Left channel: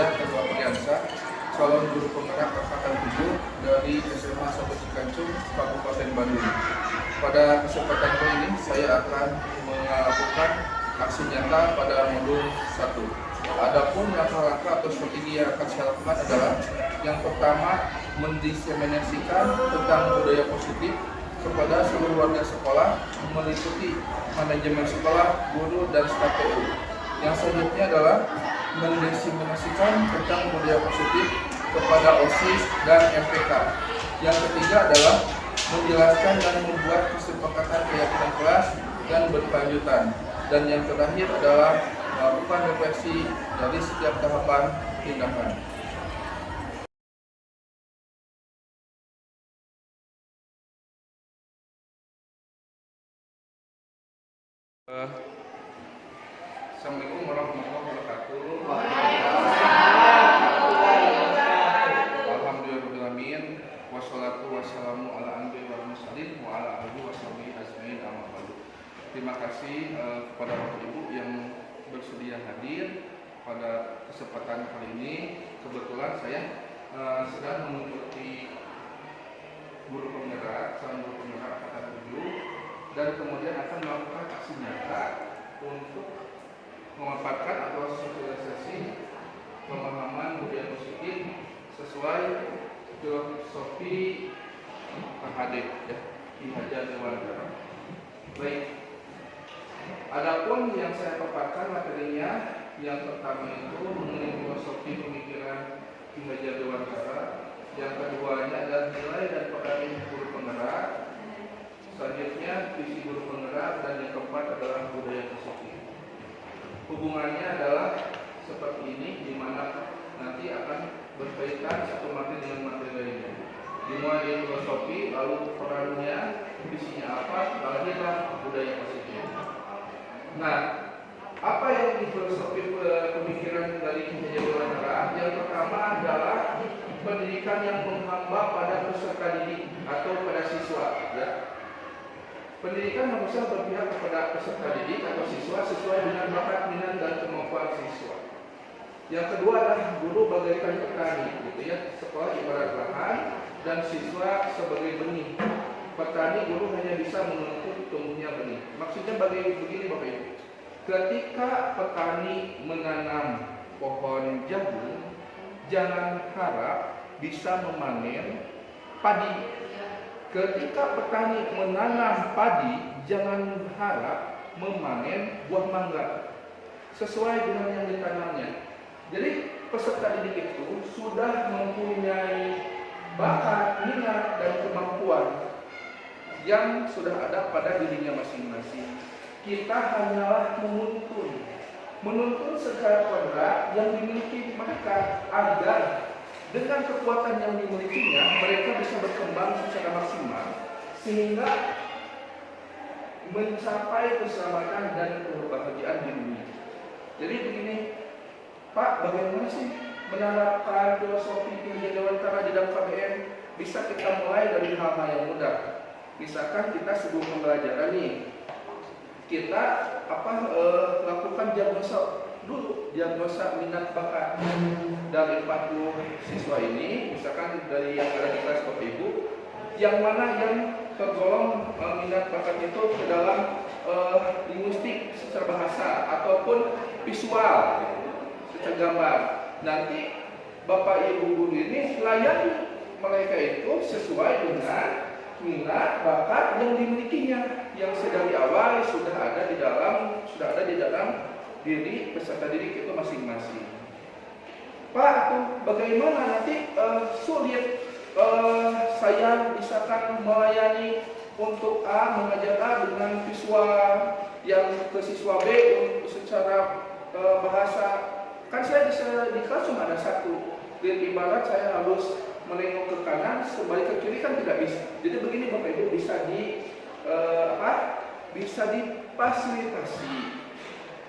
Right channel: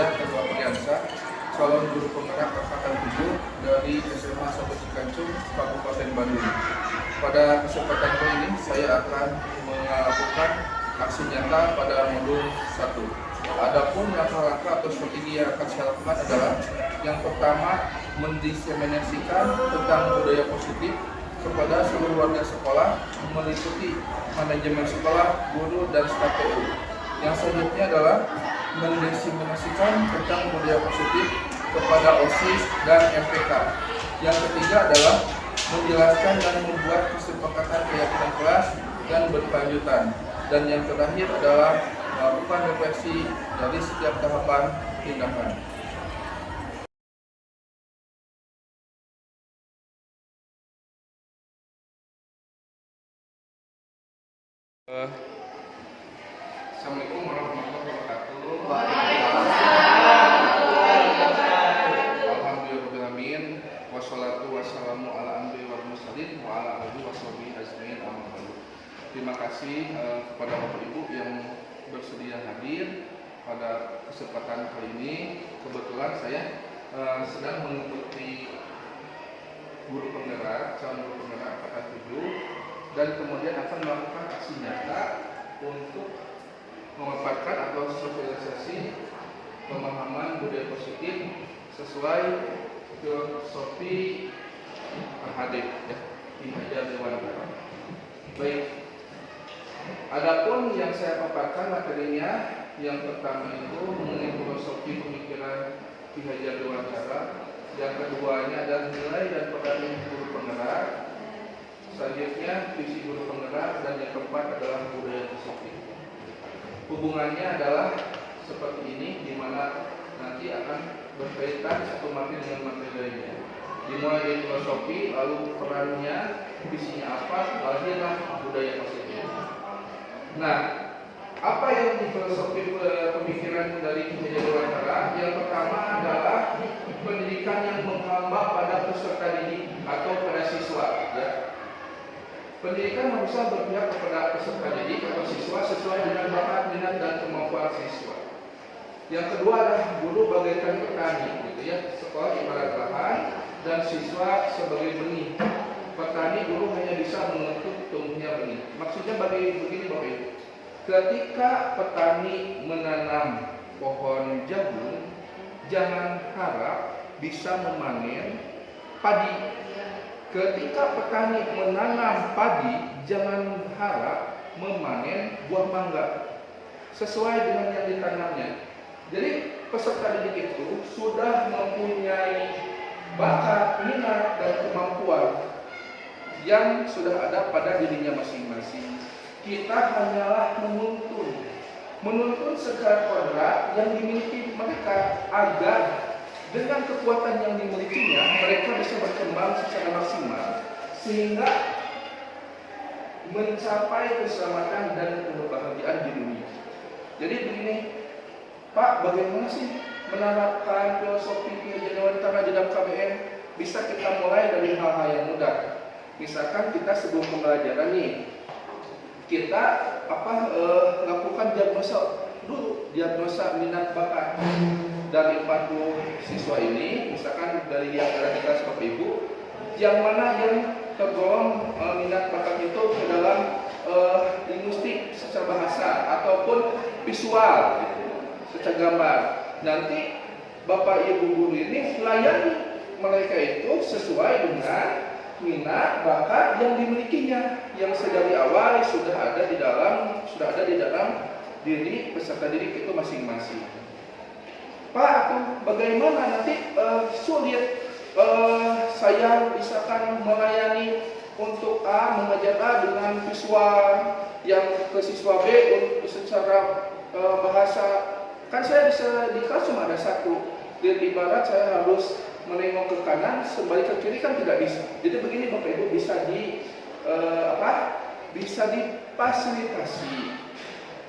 Saya Teguh Apriansyah, calon guru penggerak angkatan 7 dari SMA 1 Cikancung, Kabupaten Bandung. Pada kesempatan kali ini saya akan melakukan aksi nyata pada modul 1. Adapun langkah-langkah atau strategi yang akan saya lakukan adalah yang pertama, mendiseminasikan tentang budaya positif kepada seluruh warga sekolah meliputi manajemen sekolah, guru, dan staf PU. Yang selanjutnya adalah mendiseminasikan tentang budaya positif kepada OSIS dan MPK. Yang ketiga adalah menjelaskan dan membuat kesepakatan keyakinan kelas dan berkelanjutan. Dan yang terakhir adalah melakukan refleksi dari setiap tahapan tindakan. Assalamualaikum warahmatullahi wabarakatuh. Alhamdulillahirrahmanirrahim. Wassalatu wassalamu ala anbiya wal mursalin wa ala alihi washabihi ajmain amma ba'du. Terima kasih kepada Bapak Ibu yang bersedia hadir pada kesempatan kali ini. Kebetulan saya sedang mengikuti guru penggerak, calon guru penggerak angkatan 7, dan kemudian akan melakukan aksi nyata untuk memanfaatkan atau sosialisasi pemahaman budaya positif sesuai filosofi Hadib ya, Ki Hajar Dewantara. Baik. Adapun yang saya paparkan materinya, yang pertama itu mengenai filosofi pemikiran Ki Hajar Dewantara, yang keduanya adalah nilai dan peran guru penggerak, selanjutnya visi guru penggerak, dan yang keempat adalah budaya positif. Hubungannya adalah seperti ini, di mana nanti akan berkaitan satu materi dengan materi lainnya. Dimulai dari filosofi, lalu perannya, visinya apa, lahirlah budaya positif. Nah, apa yang di filosofi pemikiran dari Ki Hajar Dewantara? Yang pertama adalah pendidikan yang menghamba pada peserta didik atau pada siswa. Ya. Pendidikan harusnya berpihak kepada peserta didik atau siswa sesuai dengan bakat, minat, dan kemampuan siswa. Yang kedua adalah guru bagaikan petani, gitu ya. Sekolah ibarat lahan dan siswa sebagai benih. Petani, guru hanya bisa menuntut tumbuhnya benih. Maksudnya begini Bapak Ibu. Ketika petani menanam pohon jagung, jangan harap bisa memanen padi. Ketika petani menanam padi, jangan harap memanen buah mangga sesuai dengan yang ditanamnya. Jadi peserta didik itu sudah mempunyai bakat, minat, dan kemampuan yang sudah ada pada dirinya masing-masing. Kita hanyalah menuntun segala kodrat yang dimiliki mereka agar dengan kekuatan yang dimilikinya mereka bisa berkembang secara maksimal sehingga mencapai keselamatan dan kebahagiaan di dunia. Jadi begini, Pak, bagaimana sih menerapkan filosofi Ki Hajar Dewantara di dalam KBM? Bisa kita mulai dari hal-hal yang mudah. Misalkan kita sebelum pembelajaran nih, kita lakukan diagnosa dulu, diagnosa minat bakat dari 40 siswa ini. Misalkan dari yang ada di kelas Bapak Ibu, yang mana yang tergolong minat bakat itu ke dalam linguistik secara bahasa ataupun visual gitu, secara gambar. Nanti Bapak Ibu guru ini layani mereka itu sesuai dengan minat bakat yang dimilikinya, yang sedari awal sudah ada di dalam diri peserta didik itu masing-masing. Pak, bagaimana nanti sulit saya misalkan melayani untuk A, mengajar A dengan siswa yang ke siswa B untuk secara bahasa. Kan saya di kelas cuma ada satu. Di barat saya harus menengok ke kanan, sebalik ke kiri kan tidak bisa. Jadi begini Bapak Ibu, bisa difasilitasi.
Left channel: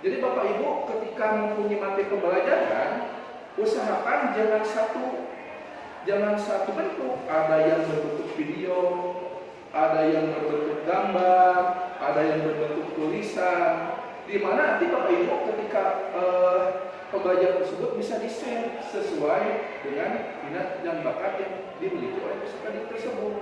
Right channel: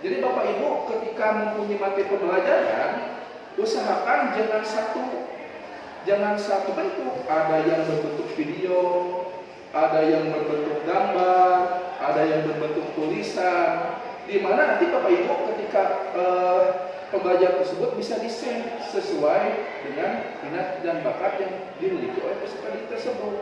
Jadi Bapak Ibu ketika mempunyai materi pembelajaran, usahakan jangan satu bentuk. Ada yang berbentuk video, ada yang berbentuk gambar, ada yang berbentuk tulisan. Di mana nanti Bapak Ibu ketika pembelajaran tersebut bisa di-share sesuai dengan minat dan bakat yang dimiliki oleh peserta didik tersebut.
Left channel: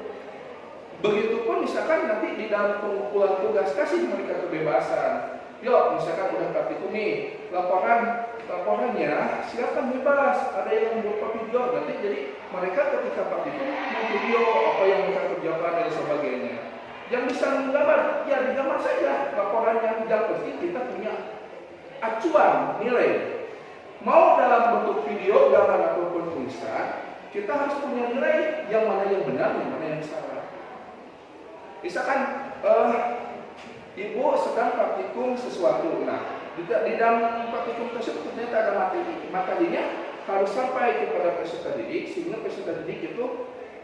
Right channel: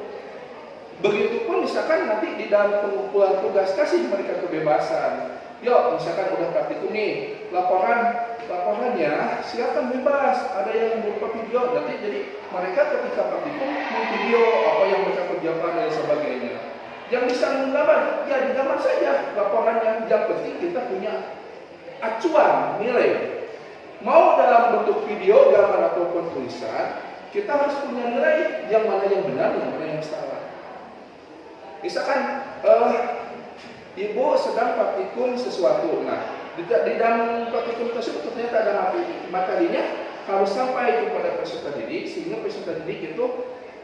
Begitupun misalkan nanti di dalam pengumpulan tugas kasih mereka kebebasan. Yuk, misalkan udah praktikum nih, laporannya silakan bebas. Ada yang berupa video, nanti jadi mereka ketika praktikum video apa yang mereka kerjakan dan sebagainya. Yang bisa menggambar, ya digambar saja laporannya. Yang penting kita punya acuan nilai. Mau dalam bentuk video, gambar ataupun tulisan, kita harus punya nilai yang mana yang benar, yang mana yang salah. Misalkan ibu sedang praktikum sesuatu, nah di dalam praktikum tersebut ternyata ada materinya harus sampai kepada peserta didik, sehingga peserta didik itu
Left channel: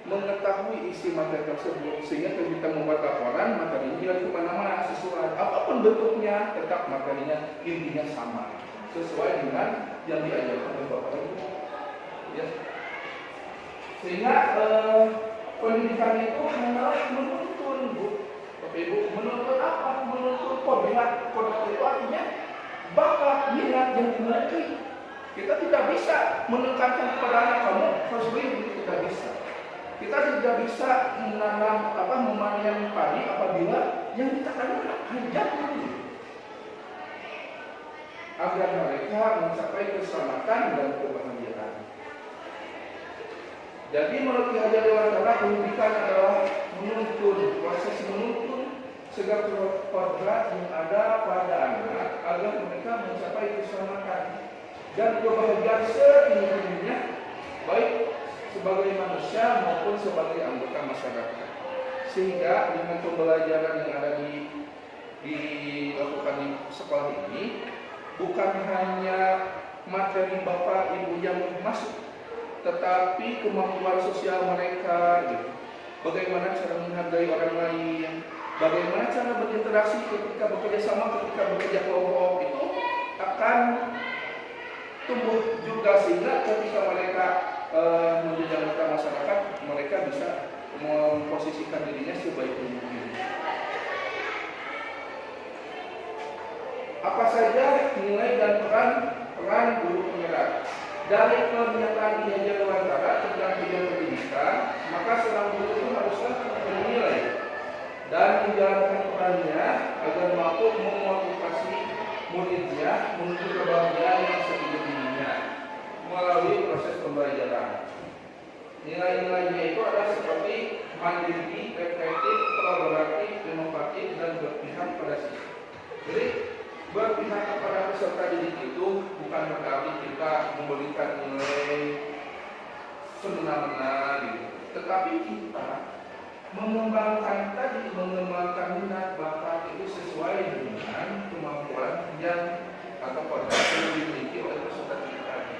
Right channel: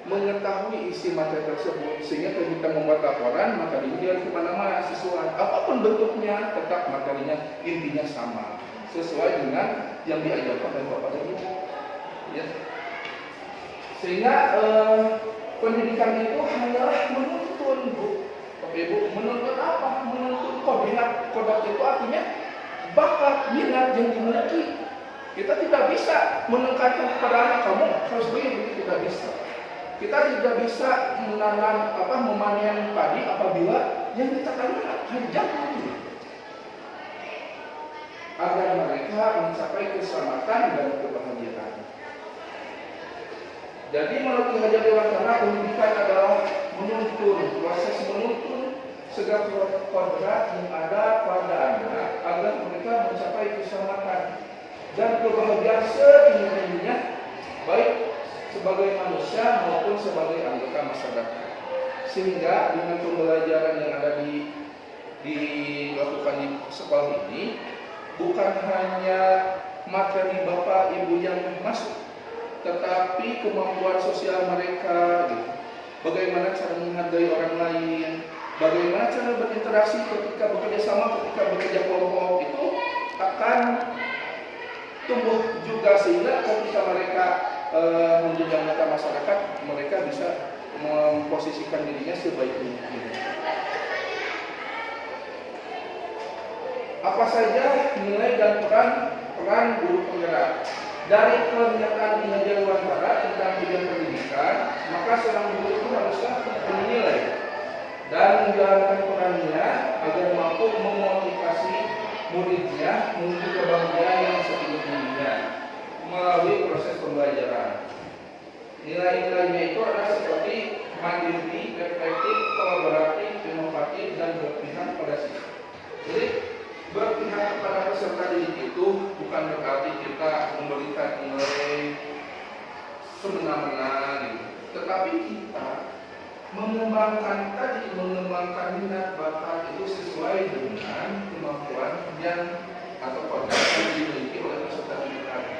mengetahui isi materi tersebut, sehingga ketika membuat laporan materinya dia kemana-mana sesuai apapun bentuknya, tetap materinya intinya sama sesuai dengan yang diajarkan oleh bapak dan ibu, ya. Sehingga pendidikan itu hanyalah menuntun, Bu. Bapak Ibu, menuntut apa? Menuntut kodat. Kodat itu artinya bakat, minat yang dimiliki. Kita tidak bisa menekankan kepada anak kamu harus begini, tidak bisa. Kita tidak bisa menanam memanen padi apabila yang ditekankan jangan begini. Agar mereka mencapai keselamatan dan kebahagiaan. Jadi menurut Ki Hajar Dewantara, pendidikan adalah menuntun, proses menuntun segala kodrat yang ada pada anak agar mereka mencapai keselamatan dan kebahagiaan setinggi-tingginya, baik sebagai manusia maupun sebagai anggota masyarakat. Sehingga dengan pembelajaran yang ada dilakukan di sekolah ini, bukan hanya materi bapak ibu yang masuk, tetapi kemampuan sosial mereka, gitu. Bagaimana cara menghargai orang lain, bagaimana cara berinteraksi ketika bekerja sama, ketika bekerja kelompok, itu akan tumbuh juga, sehingga ketika mereka menjadi anggota masyarakat, mereka bisa memposisikan dirinya sebaik mungkin. Apa saja nilai dan peran guru penggerak? Dari pernyataan Ki Hajar Dewantara tentang bidang pendidikan, maka seorang guru itu haruslah menilai dan menjalankan perannya agar mampu memotivasi muridnya menuju kebahagiaan yang setinggi-tingginya melalui proses pembelajaran. Nilai-nilainya itu adalah seperti mandiri, reflektif, kolaboratif, inovatif, dan berpihak pada siswa. Jadi berpihak kepada peserta didik itu bukan berarti kita memberikan nilai semena-mena gitu, tetapi kita mengembangkan minat bakat itu sesuai dengan kemampuan yang atau kodrat yang dimiliki oleh peserta didik tadi.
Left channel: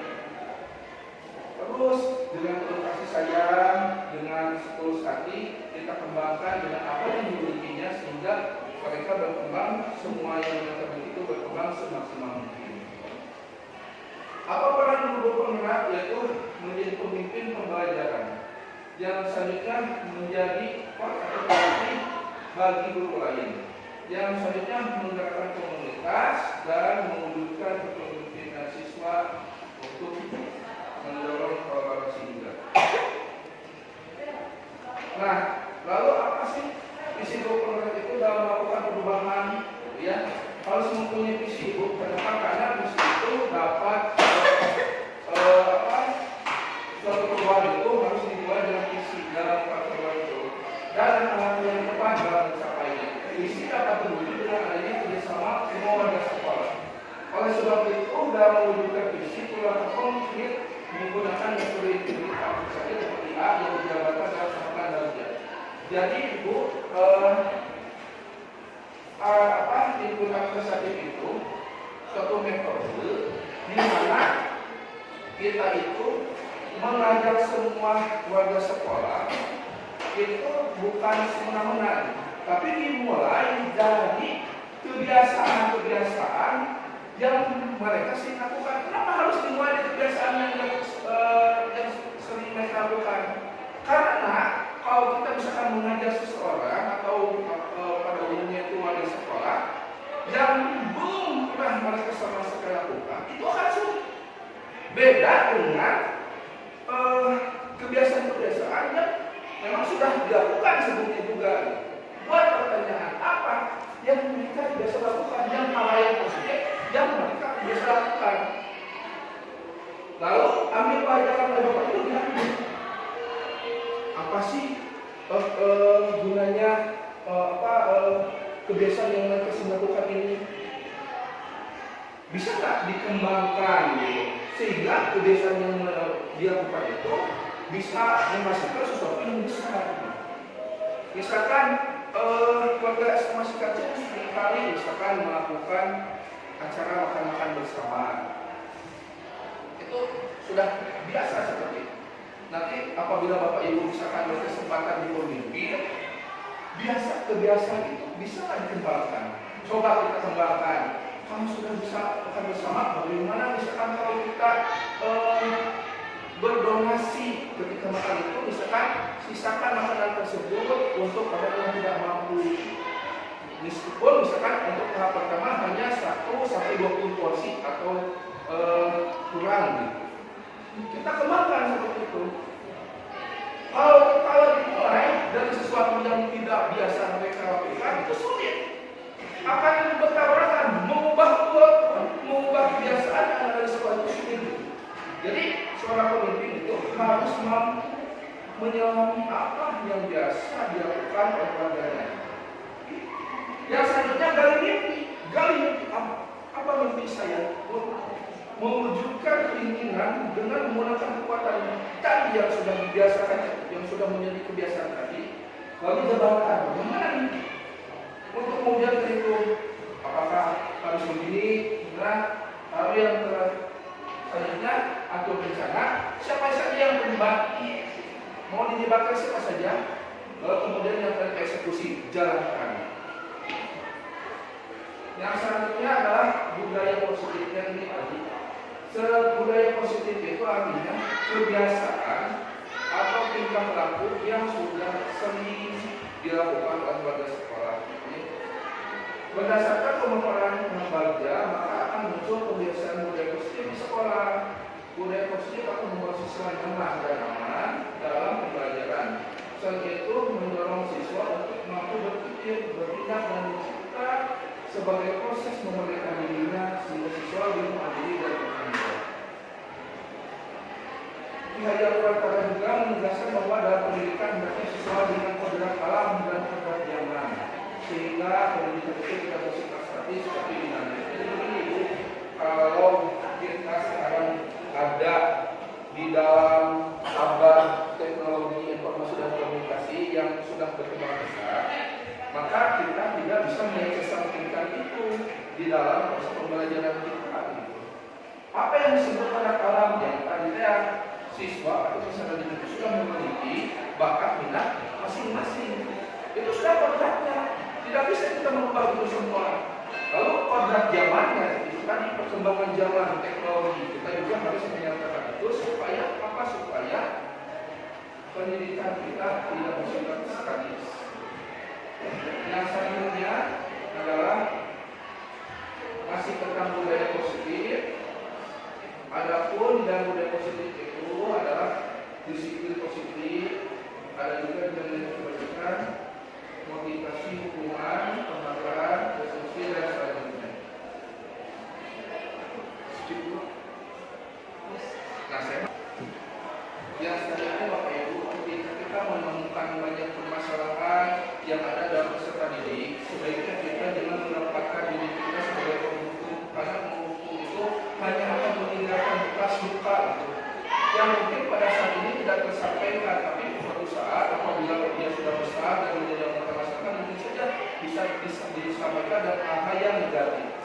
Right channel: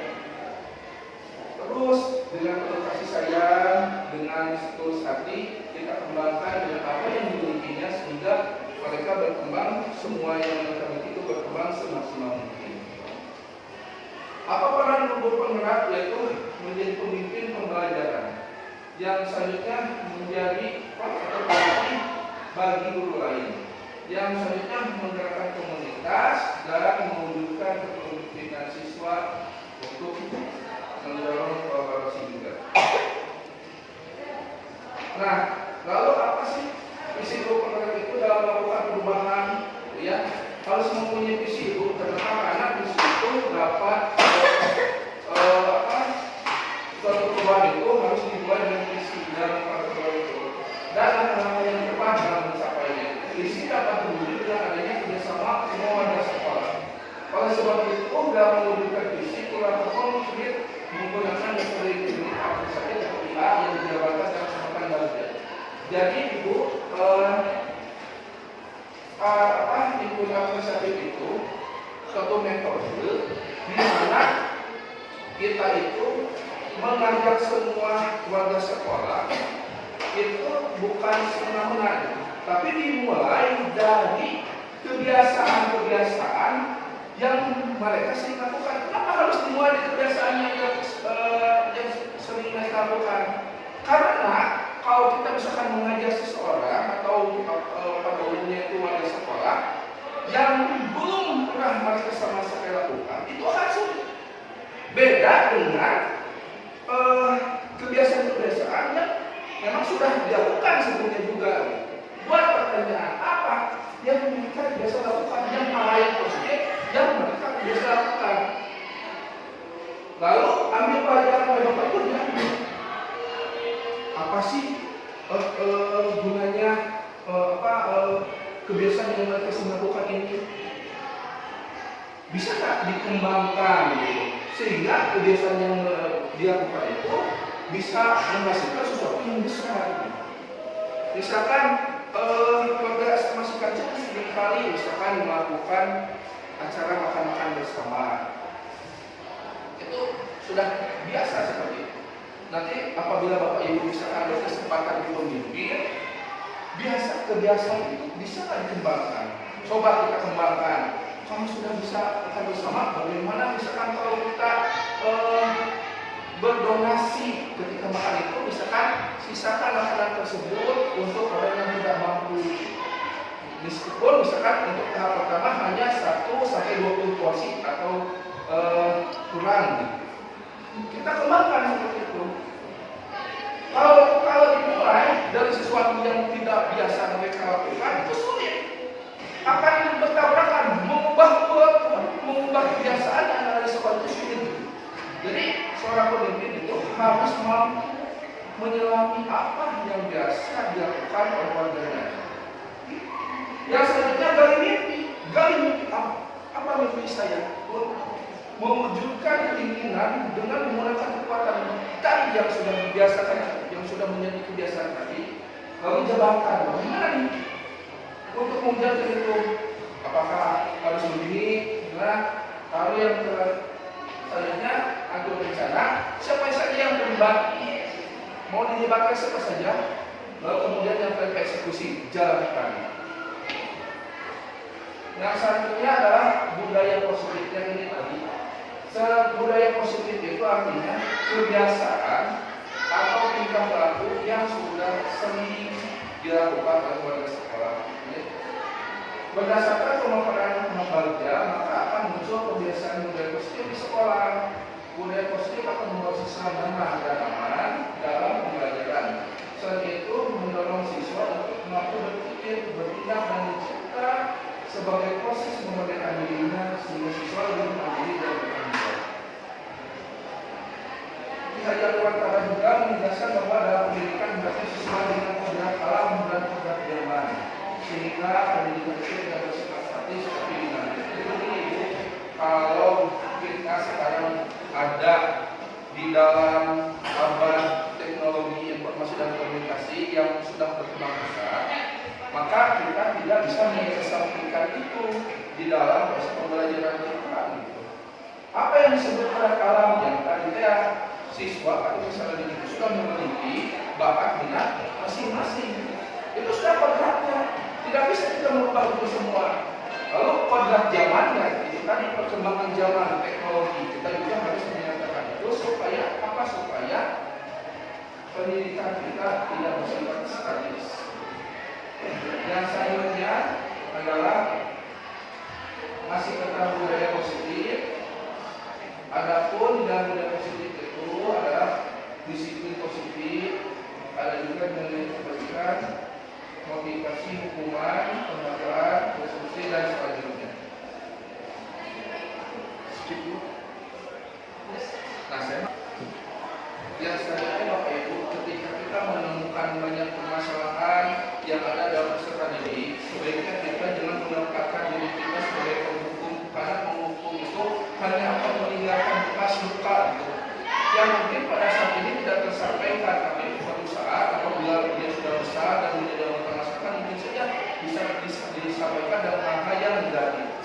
Terus dengan penuh kasih sayang, dengan setulus hati kita kembangkan dengan apa yang dimilikinya sehingga mereka berkembang, semua yang mereka miliki itu berkembang semaksimal mungkin. Apa peran guru penggerak? Yaitu menjadi pemimpin pembelajaran yang selanjutnya menjadi atau pelatih bagi guru lain, yang selanjutnya menggerakkan komunitas dan mewujudkan kepemimpinan siswa untuk mendorong kolaborasi juga. Nah, lalu apa sih visi guru penggerak itu dalam melakukan perubahan? Ya, harus mempunyai visi ibu. Kenapa? Karena visi itu dapat suatu perubahan itu harus dibuat dengan visi dalam perubahan itu. Dan hal yang tepat dalam mencapainya. Visi dapat terwujud dengan adanya kerjasama semua warga sekolah. Oleh sebab itu, dalam mewujudkan visi, kurang konkret menggunakan metode integritas seperti A yang dijalankan dalam kesempatan dalam. Jadi ibu input administratif itu suatu metode di mana kita itu mengajak semua warga sekolah itu bukan semena-mena, tapi dimulai dari kebiasaan-kebiasaan yang mereka sering lakukan. Kenapa harus dimulai dari kebiasaan yang sering mereka lakukan? Karena kalau kita misalkan mengajar seseorang atau pada umumnya itu warga sekolah yang belum pernah mereka sama sekali lakukan, itu akan sulit. Beda dengan kebiasaan-kebiasaan yang memang sudah dilakukan sebelumnya juga. Buat pertanyaan apa yang mereka biasa lakukan, yang hal yang positif yang mereka biasa lakukan. Lalu ambil pelajaran dari Bapak Ibu, apa sih gunanya kebiasaan yang mereka lakukan ini? Bisa nggak dikembangkan gitu, sehingga kebiasaan yang dia lakukan itu bisa menghasilkan sesuatu yang besar. Misalkan keluarga masih kecil seringkali misalkan melakukan acara makan-makan bersama, itu sudah biasa seperti itu. Nanti apabila Bapak Ibu misalkan berkesempatan di pemimpin, biasa kebiasaan itu bisa dikembangkan. Coba kita kembangkan. Kamu sudah bisa makan bersama, bagaimana misalkan kalau kita berdonasi ketika makan itu, misalkan sisakan makanan tersebut untuk orang yang tidak mampu. Meskipun misalkan untuk tahap pertama hanya 1-20 porsi atau kurang gitu. Kita kembangkan seperti itu. Kalau dimulai dari sesuatu yang tidak biasa mereka lakukan, itu sulit. Akan bertabrakan, mengubah kebiasaan yang ada di sekolah itu sulit. Jadi seorang pemimpin itu harus mampu menyelami apa yang biasa dilakukan oleh keluarganya. Yang selanjutnya gali mimpi apa mimpi saya? Mewujudkan keinginan dengan menggunakan kekuatan tadi yang sudah dibiasakan, yang sudah menjadi kebiasaan tadi, lalu jabarkan bagaimana nih untuk mewujudkan itu? Apakah harus begini? Nah, lalu yang selanjutnya atur rencana, siapa saja yang terlibat, mau dilibatkan siapa saja, lalu kemudian yang tereksekusi, jalankan. Nah, selanjutnya adalah budaya positifnya ini tadi. Budaya positif itu artinya kebiasaan atau tingkah laku yang sudah sering dilakukan oleh warga sekolah. Berdasarkan pemaparan Bagja, maka akan muncul kebiasaan budaya positif di sekolah. Budaya positif akan membawa siswa nyaman dan aman dalam pembelajaran. Selain itu, mendorong siswa untuk mampu berpikir, bertindak, dan mencipta sebagai proses memerdekakan dirinya sehingga siswa lebih mandiri dan bertanggung. Diajarkan pada juga menjelaskan bahwa dalam pendidikan hendaknya siswa dengan kodrat alam dan kodrat zaman, sehingga pendidikan itu tidak bersifat statis tapi dinamis. Jadi itu kalau kita sekarang ada di dalam abad teknologi informasi dan komunikasi yang sudah berkembang pesat, maka kita tidak bisa mengesampingkan itu di dalam proses pembelajaran kita. Gitu. Apa yang disebut kodrat alam yang tadi siswa atau misalnya itu sudah memiliki bakat minat masing-masing. Itu sudah kodratnya. Tidak bisa kita merubah itu semua. Lalu kodrat zamannya, itu kan perkembangan zaman teknologi, kita juga harus menyatakan itu supaya apa? Supaya pendidikan kita tidak bersifat statis. Yang selanjutnya adalah masih tentang budaya positif. Adapun dan budaya positif itu adalah disiplin positif, ada juga nilai kebaikan, motivasi, hukuman, pembakaran, resolusi, dan selanjutnya. Nah, yang selanjutnya Bapak Ibu, ketika kita menemukan banyak permasalahan yang ada dalam peserta didik, sebaiknya kita jangan menempatkan diri kita sebagai penghukum, karena penghukum itu hanya akan meninggalkan bekas luka itu yang mungkin pada saat ini tidak tersampaikan, tapi suatu saat apabila dia sudah besar dan menjadi orang permasalahan, mungkin saja bisa disampaikan dan hal-hal yang menjadi.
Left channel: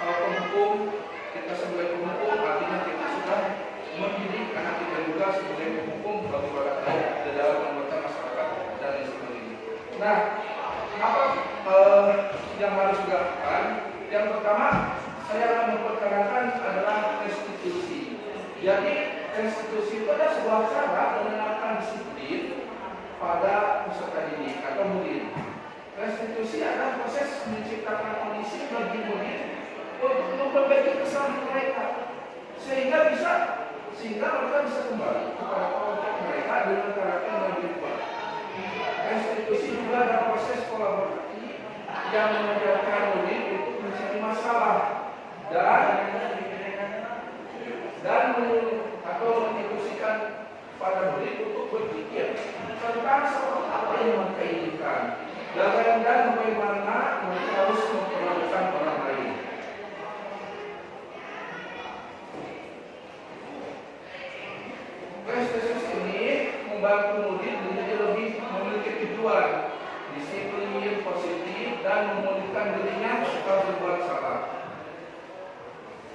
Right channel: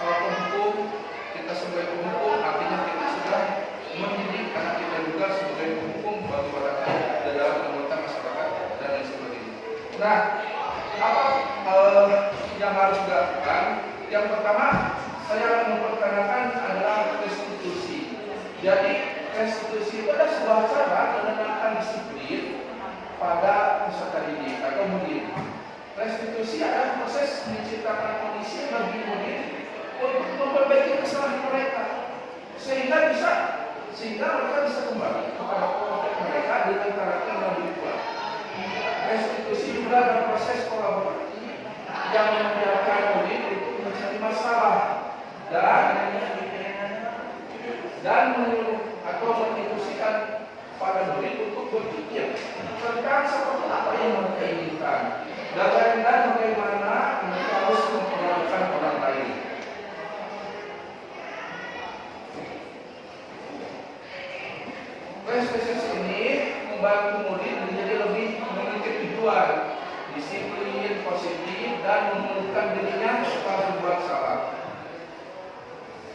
Kalau penghukum, kita sebagai penghukum artinya kita sudah mendidik anak kita juga sebagai penghukum bagi warga di dalam anggota masyarakat dan lain sebagainya. Nah, apa yang harus dilakukan? Yang pertama, saya memperkenalkan adalah restitusi. Jadi restitusi itu adalah sebuah cara menanamkan disiplin pada peserta didik atau murid. Restitusi adalah proses menciptakan kondisi bagi murid untuk memperbaiki kesalahan mereka, sehingga bisa sehingga mereka bisa kembali kepada kelompok mereka dengan karakter yang lebih kuat. Restitusi juga dalam proses kolaborasi yang mengajarkan murid untuk mencari masalah dan atau menginstruksikan para murid untuk berpikir tentang seperti apa yang mereka inginkan dan bagaimana mereka harus memperlakukan orang lain. Restitusi ini membantu murid menjadi lebih memiliki tujuan, disiplin, positif, dan memulihkan dirinya setelah berbuat salah.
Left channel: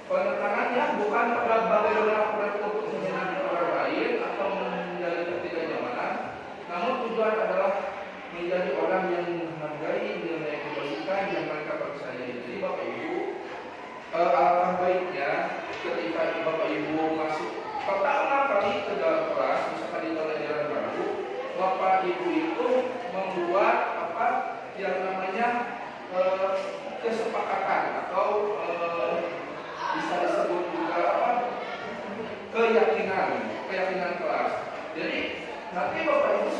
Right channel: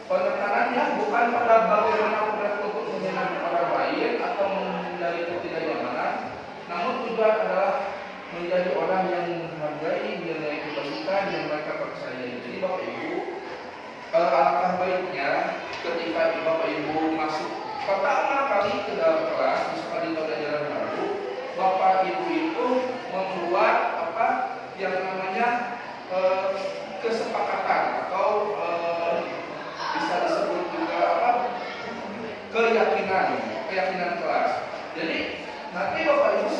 Penekanannya bukan pada bagaimana mereka untuk menyenangkan orang lain atau menghindari ketidaknyamanan, namun tujuan adalah menjadi orang yang menghargai nilai kebaikan yang mereka percayai. Jadi Bapak Ibu, alangkah baiknya ketika Bapak Ibu masuk pertama kali ke dalam kelas, misalkan di pelajaran baru, Bapak Ibu itu membuat yang namanya kesepakatan atau bisa disebut juga keyakinan kelas. Jadi nanti Bapak Ibu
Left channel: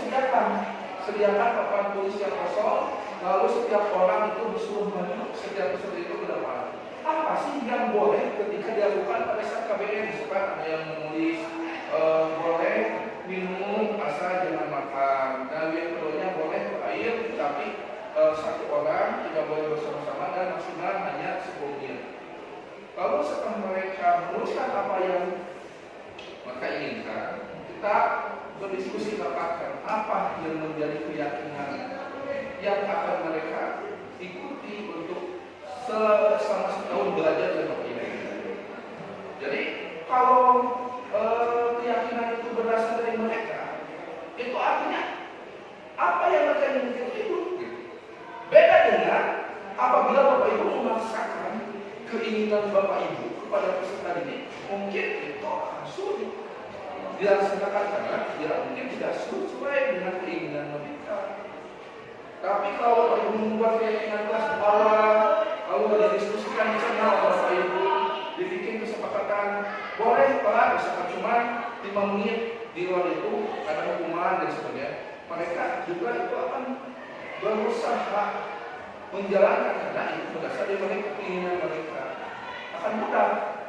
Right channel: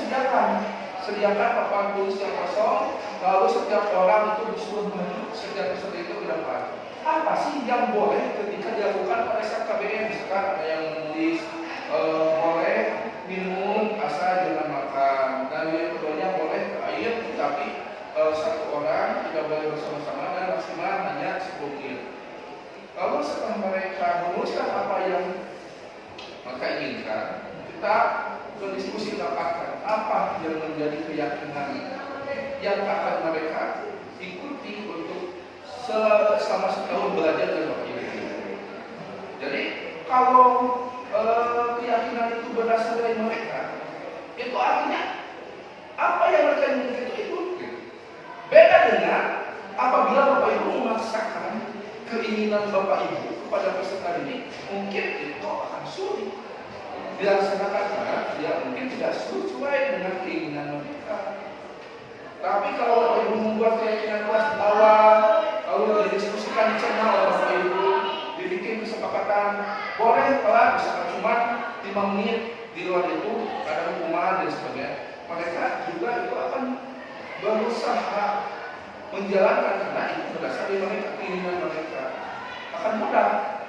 sediakan papan tulis yang kosong, lalu setiap orang itu disuruh maju setiap peserta itu ke depan. Apa sih yang boleh ketika dilakukan pada saat KBM? Misalkan ada yang menulis boleh minum asal jangan makan, dan yang keduanya boleh air tapi satu orang tidak boleh bersama-sama dan maksimal hanya 10 menit. Kalau setelah mereka menuliskan apa yang mereka inginkan, kita berdiskusi tentang apa yang menjadi keyakinan yang akan mereka ikuti untuk selama setahun belajar dari Bapak Ibu. Jadi kalau keyakinan itu berasal dari mereka, itu artinya apa yang mereka inginkan itu. Beda dengan apabila Bapak Ibu memaksakan keinginan Bapak Ibu kepada peserta ini, mungkin itu akan sulit dilaksanakan karena ya mungkin tidak sesuai dengan keinginan mereka. Tapi kalau Bapak Ibu membuat keyakinan kelas awal, lalu didiskusikan di channel Bapak Ibu, dibikin kesepakatan, boleh Pak, misalkan cuma 5 menit di luar itu ada hukuman dan sebagainya. Mereka juga itu akan berusaha menjalankan karena itu berdasar dari mereka, keinginan mereka. Akan mudah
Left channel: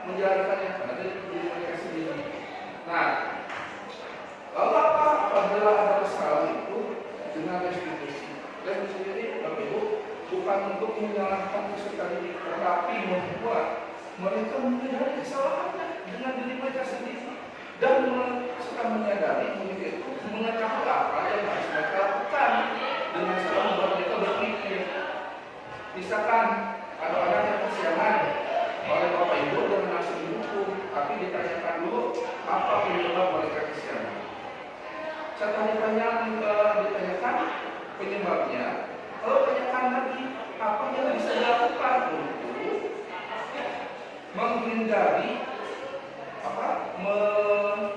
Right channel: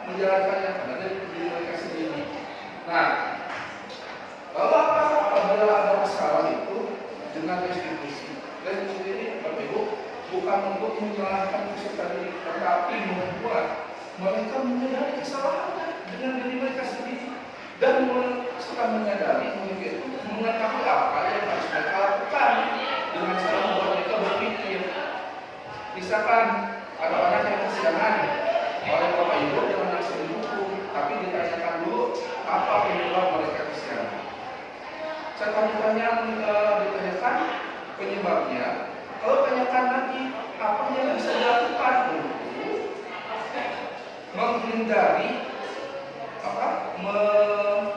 menjalankannya karena dari diri mereka sendiri. Nah, lalu apa apabila ada masalah itu dengan restitusi? Restitusi ini Bapak Ibu bukan untuk menyalahkan peserta didik, tetapi membuat mereka menyadari kesalahannya dengan diri mereka sendiri dan setelah menyadari mungkin mengetahui apa yang harus mereka lakukan dengan cara membuat mereka berpikir. Misalkan ada anak yang kesiangan oleh Bapak Ibu dengan nafsu hukum, tapi ditanyakan dulu apa penyebab mereka kesiangan. Setelah ditanyakan penyebabnya, kalau tanyakan lagi apa yang bisa dilakukan untuk menghindari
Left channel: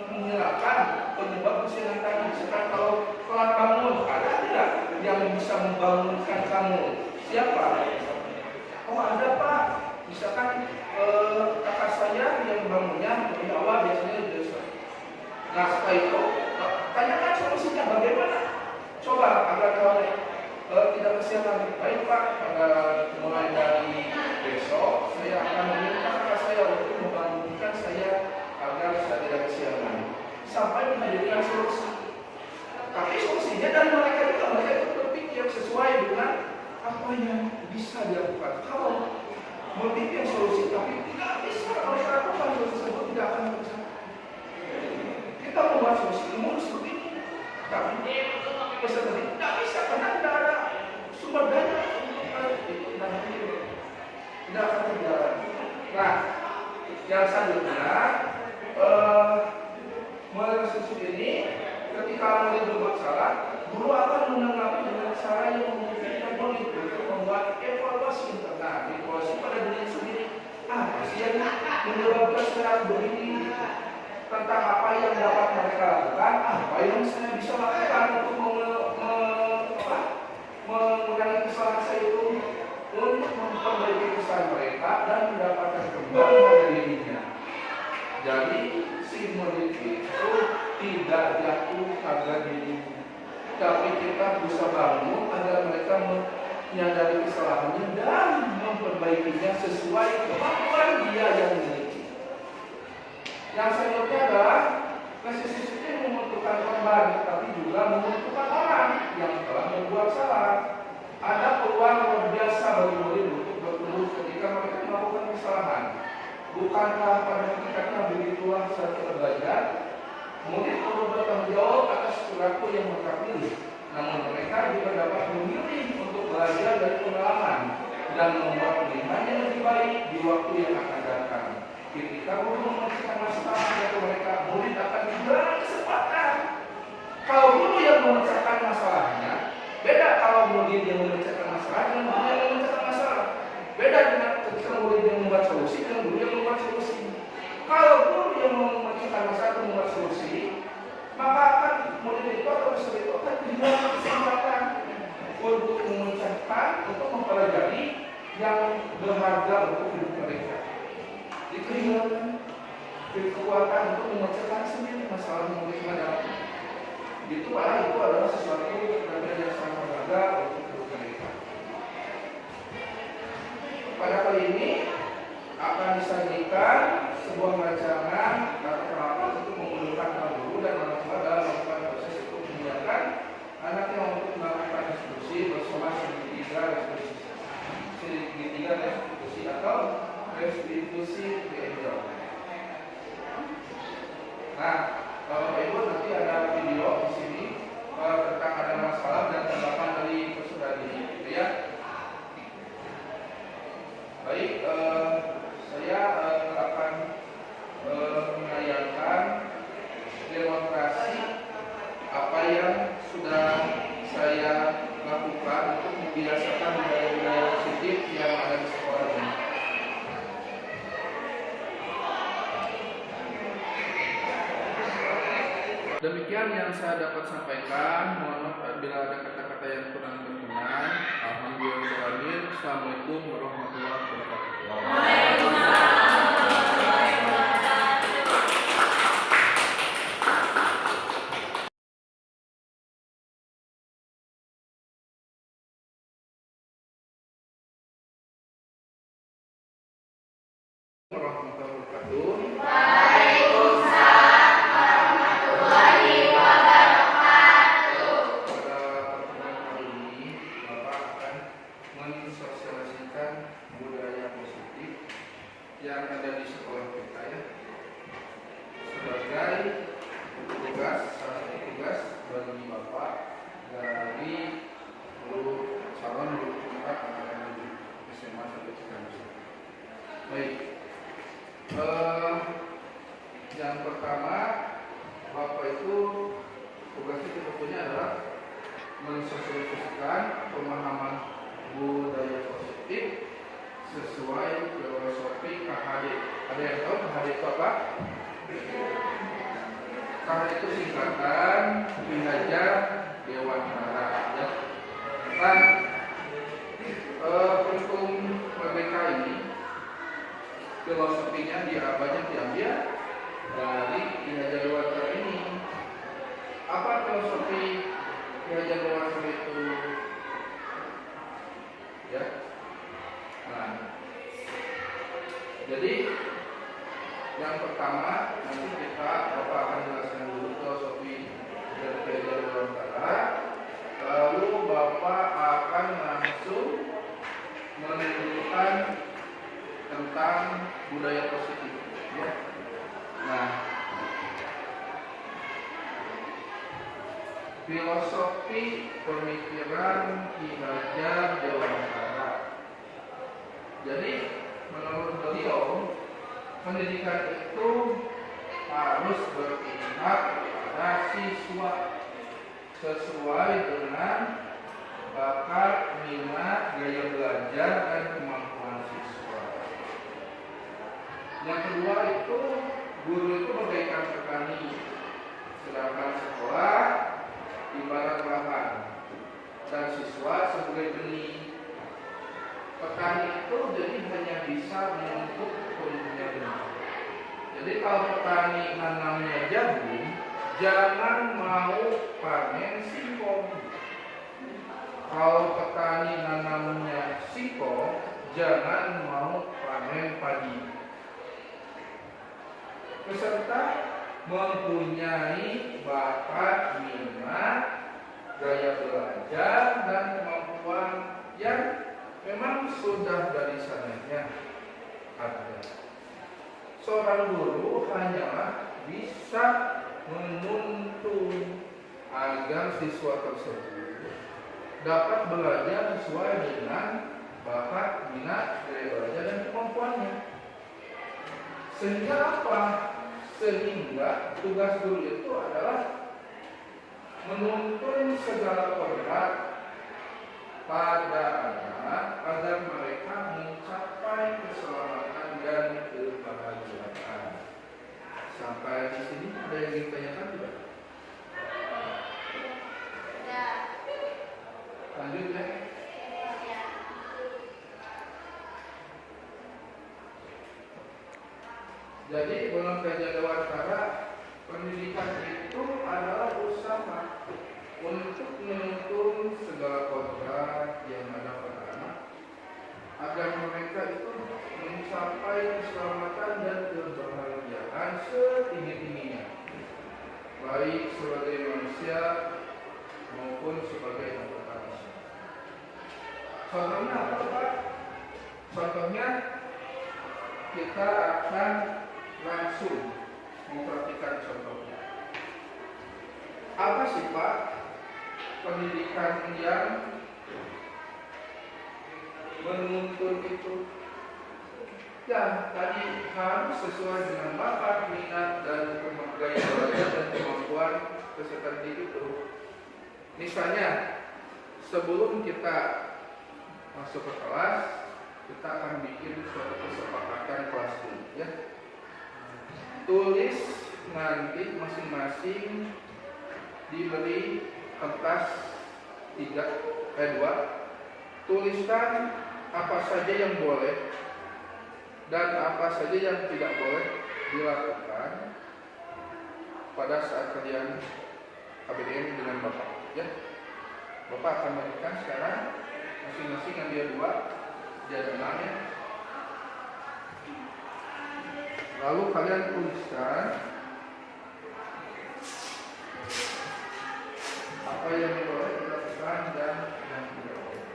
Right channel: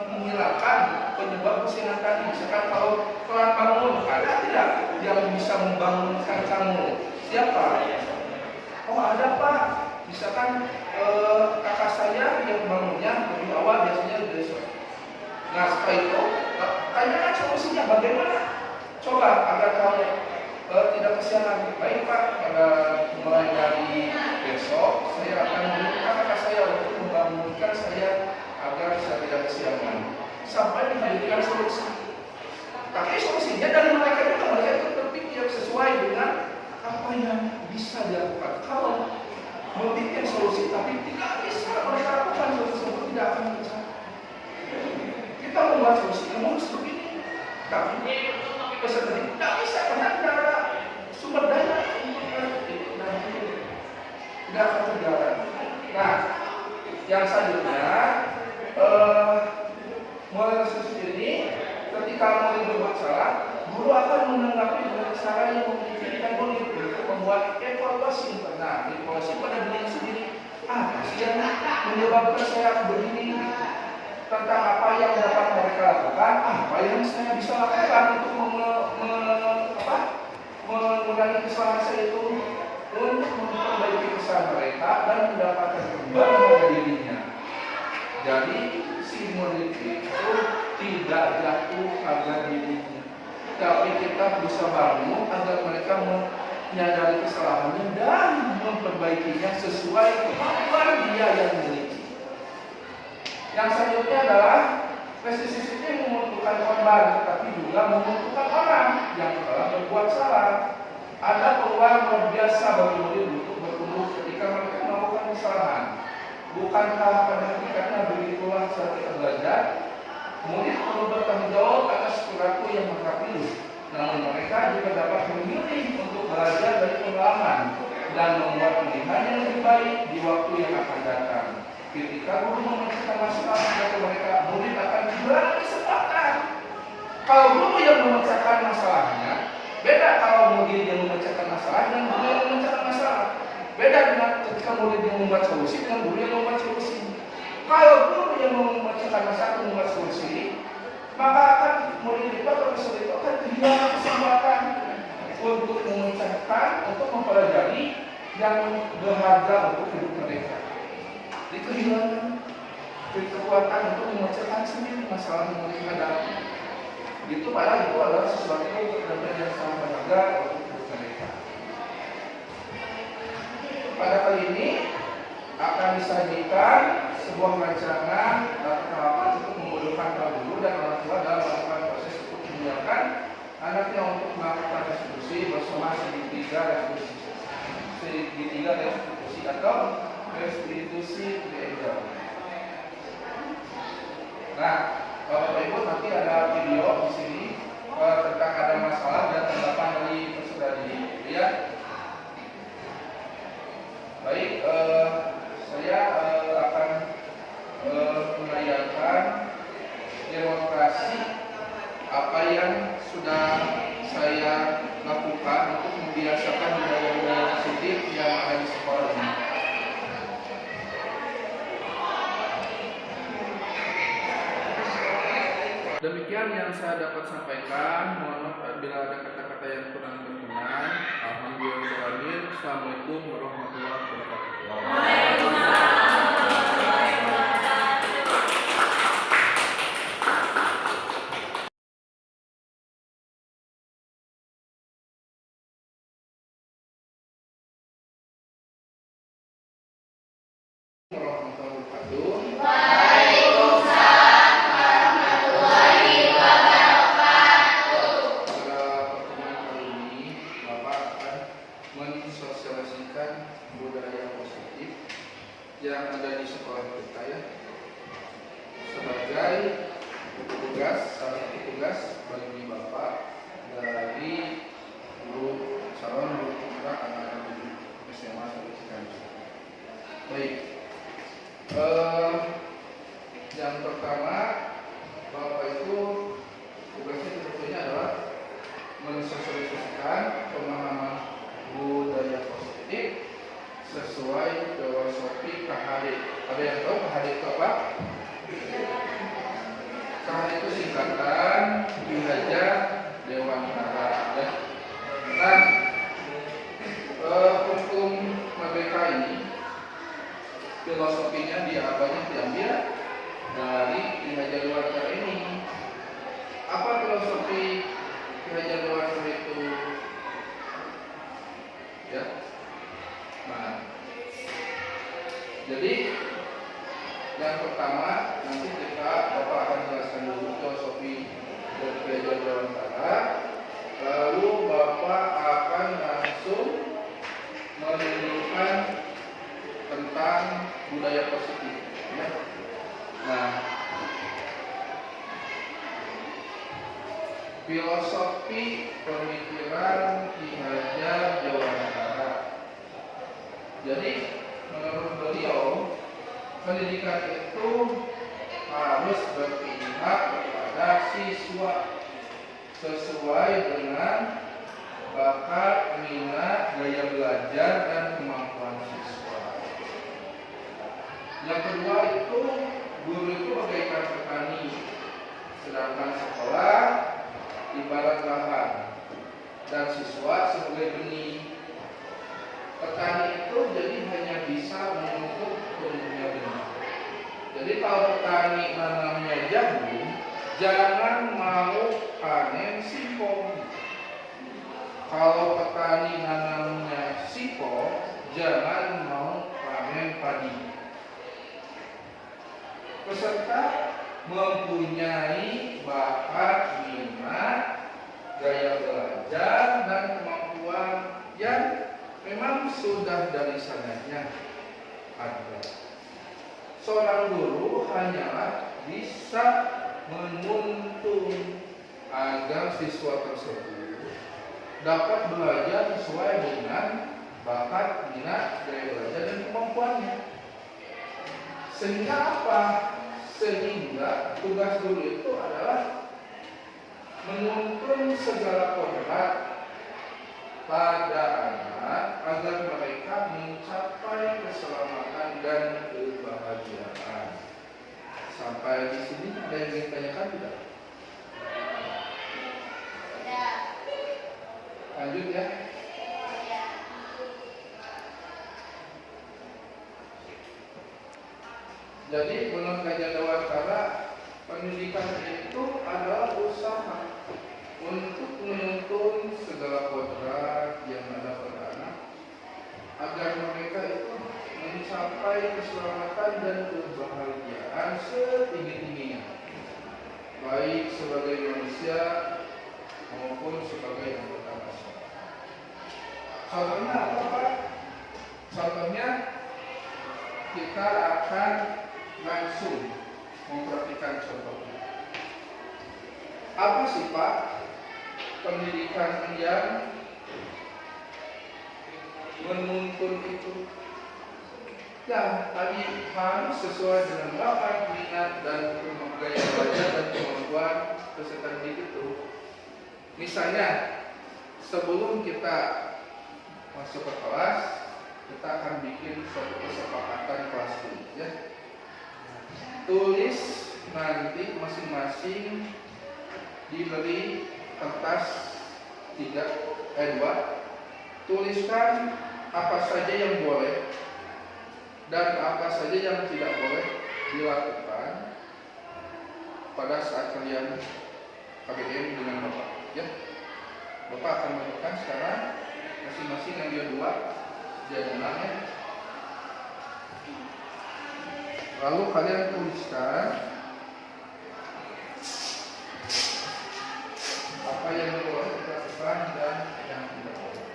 menghilangkan penyebab kesiangan tadi. Misalkan kalau telat bangun, ada tidak yang bisa membangunkan kamu? Siapa? Oh ada Pak. Misalkan kakak saya yang bangunnya lebih awal biasanya besok. Nah setelah itu tanyakan solusinya bagaimana? Coba agar kamu tidak kesiangan. Baik Pak, pada mulai dari besok saya akan meminta kakak saya untuk membangunkan saya agar saya tidak kesiangan. Sampai menghadirkan solusi. Tapi solusinya dari mereka itu berpikir sesuai dengan apa yang bisa dilakukan. Kalau memikirkan solusi tapi tidak bisa mereka lakukan, solusi tersebut tidak akan tercapai. Kita membuat solusi yang harus begini, tapi peserta tidak bisa karena tidak ada sumber daya tidak akan berjalan. Nah, yang selanjutnya mulai solusi ini ketika murid berbuat salah, guru akan menanggapi dengan cara yang memungkinkan murid untuk membuat evaluasi internal, evaluasi pada diri sendiri. Apa sih yang menyebabkan saya begini? Tentang apa yang dapat mereka lakukan, apa yang saya bisa lakukan untuk mengurangi kesalahan saya itu, untuk memperbaiki kesalahan mereka dan mendapatkan kembali pada dirinya. Jadi si murid itu tidak jatuh pada dirinya, tapi kita bisa bangun agar mereka menyadari kesalahannya dan memperbaikinya sesuai kemampuan dia yang memiliki. Yang selanjutnya adalah pestisisi itu membutuhkan korban, tapi juga membutuhkan orang yang telah berbuat salah. Ada peluang luar biasa bagi murid untuk bertumbuh ketika mereka melakukan kesalahan. Bukankah pada hakikatnya begitulah saat kita belajar? Murid perlu bertanggung jawab atas perilaku yang mereka pilih. Namun mereka juga dapat memilih untuk belajar dari pengalaman dan membuat pilihan yang lebih baik di waktu yang akan datang. Ketika guru memecahkan masalah kepada mereka, murid akan diberi kesempatan. Kalau guru yang memecahkan masalahnya, beda kalau murid yang memecahkan masalah dan guru yang memecahkan masalah. Beda dengan ketika murid yang membuat solusi dan guru yang membuat solusi. Kalau guru yang memecahkan masalah dan membuat solusi, maka akan murid itu atau peserta itu akan kehilangan kesempatan untuk memecahkan, untuk mempelajari yang berharga untuk hidup mereka. Jadi kehilangan kekuatan untuk memecahkan sendiri masalah yang mereka hadapi. Itu adalah sesuatu yang sangat berharga untuk hidup mereka. Pada kali ini akan disajikan sebuah rancangan atau tahapan untuk memudahkan para guru dan orang tua dalam melakukan proses untuk menyiapkan anaknya untuk melakukan restitusi bersama segitiga restitusi atau restitusi gender. Nah, Bapak Ibu nanti ada video di sini tentang ada masalah dan tanggapan dari peserta didik, ya. Baik, saya akan menayangkan demonstrasi apa yang sudah saya lakukan untuk membiasakan budaya-budaya positif yang ada di sekolah ini. Demikian yang saya dapat sampaikan. Mohon maaf bila ada kata-kata yang kurang berkenan. Alhamdulillah. Assalamualaikum warahmatullahi wabarakatuh. Yang ada di sekolah kita, ya, sebagai tugas, salah satu tugas bagi Bapak dari guru calon guru kita anak-anak di SMA sampai sekarang. Baik, yang pertama Bapak itu tugasnya sebetulnya adalah mensosialisasikan pemahaman budaya positif sesuai filosofi KHD. Ada yang tahu KHD itu apa? KHD itu singkatan Ki Hajar Dewantara, ya. Nah, untuk MBK ini filosofinya banyak diambil dari Ki Hajar Dewantara ini. Apa filosofi Ki Hajar Dewantara itu? Ya. Nah, jadi yang pertama nanti Bapak akan jelaskan dulu filosofi dari Ki Hajar Dewantara, lalu Bapak akan langsung menunjukkan tentang budaya positif, ya. Nah, filosofi pemikiran Ki Hajar Dewantara. Jadi menurut beliau, pendidikan itu harus berpihak kepada siswa sesuai dengan bakat, minat, gaya belajar, dan kemampuan siswa. Yang kedua itu, guru itu bagaikan petani, sedangkan sekolah ibarat lahan dan siswa sebagai benih. Petani itu jadi hanya bisa menuntut tumbuhnya benih. Jadi kalau petani nanamnya jagung, jangan mau panen singkong. Kalau petani nanamnya singkong, jangan mau panen padi. Peserta mempunyai bakat, minat, gaya belajar, dan kemampuan yang memang sudah dari sananya ada. Seorang guru hanyalah bisa menuntun agar siswa tersebut dapat belajar sesuai dengan bakat, minat, gaya belajar, dan kemampuannya. Sehingga apa? Sehingga tugas guru itu adalah menuntun segala kodrat pada anak agar mereka mencapai keselamatan dan kebahagiaan. Sampai di sini ada yang ingin tanyakan tidak? Lanjut ya. Jadi menurut kajian Dewantara, pendidikan itu adalah usaha untuk menuntun segala kodrat yang ada pada anak agar mereka itu mencapai keselamatan dan kebahagiaan setinggi-tingginya, baik sebagai manusia maupun sebagai anggota bangsa. Contohnya apa, Pak? Contohnya kita akan langsung memperhatikan contohnya. Apa sih, Pak, pendidikan yang menuntun itu? Yang tadi harus sesuai dengan bakat, minat, dan gaya belajar dan kemampuan peserta didik itu. Misalnya, sebelum kita masuk ke kelas, kita akan bikin suatu kesepakatan kelas dulu, ya. Tulis nanti masing-masing diberi kertas 2. Tuliskan apa saja yang boleh dan apa saja yang tidak boleh dilakukan pada saat kalian KBM dengan Bapak, ya. Bapak akan melakukan sekarang masing-masing ambil 2 diagonal, ya. Lalu kalian tuliskan apa yang boleh dilakukan dan yang tidak boleh.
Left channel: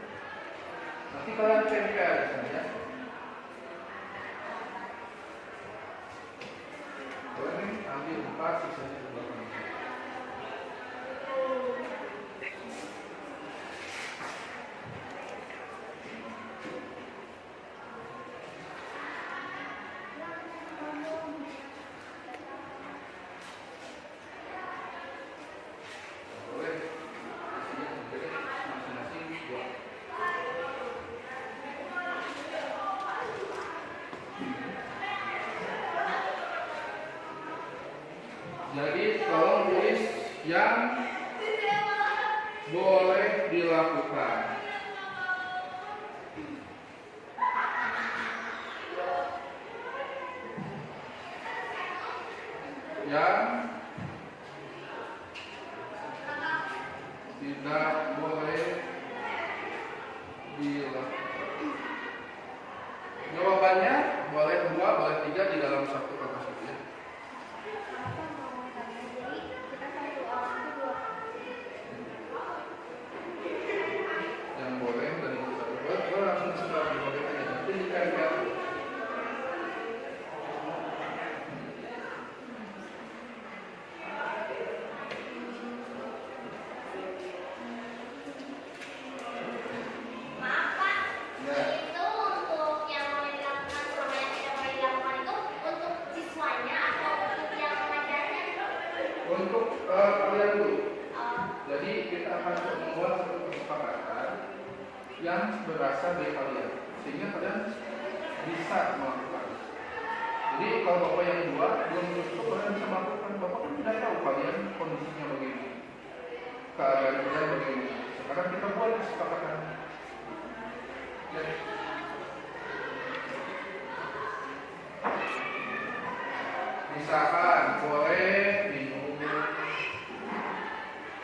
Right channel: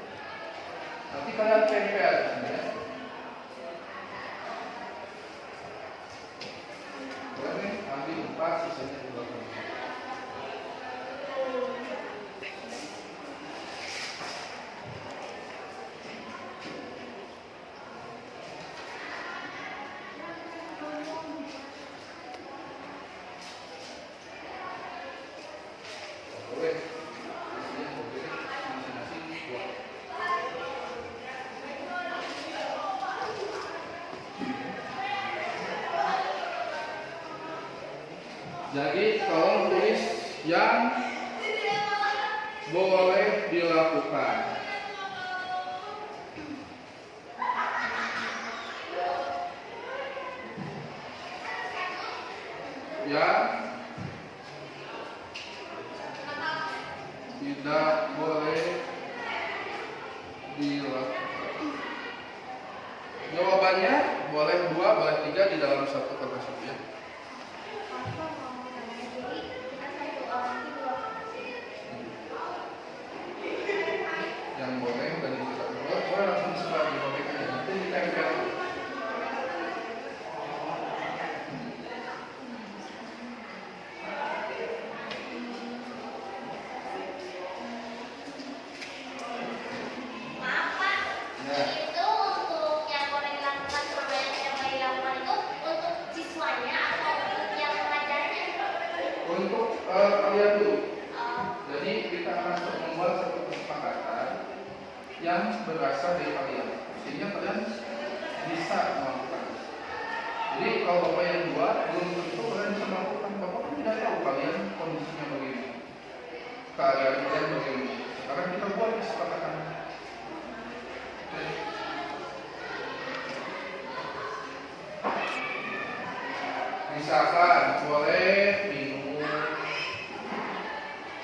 Nanti kalian tempel di sini, ya. Boleh ambil 4, sisanya 2. Jadi tolong tulis yang boleh dilakukan. Yang tidak boleh dilakukan. Jawabannya boleh 2, boleh 3 di dalam satu kertas itu, ya. Yang boleh dan yang tidak boleh, boleh langsung setelah dibagikan, nanti ditempel. Untuk kalian dulu. Jadi kita akan membuat satu kesepakatan yang berasal dari kalian, sehingga kalian bisa melakukan. Jadi kalau Bapak yang 2 belum tentu kalian bisa melakukan. Bapak kan tidak tahu kalian kondisinya begini, keadaan kalian begini. Sekarang kita buat kesepakatan. Misalkan boleh minum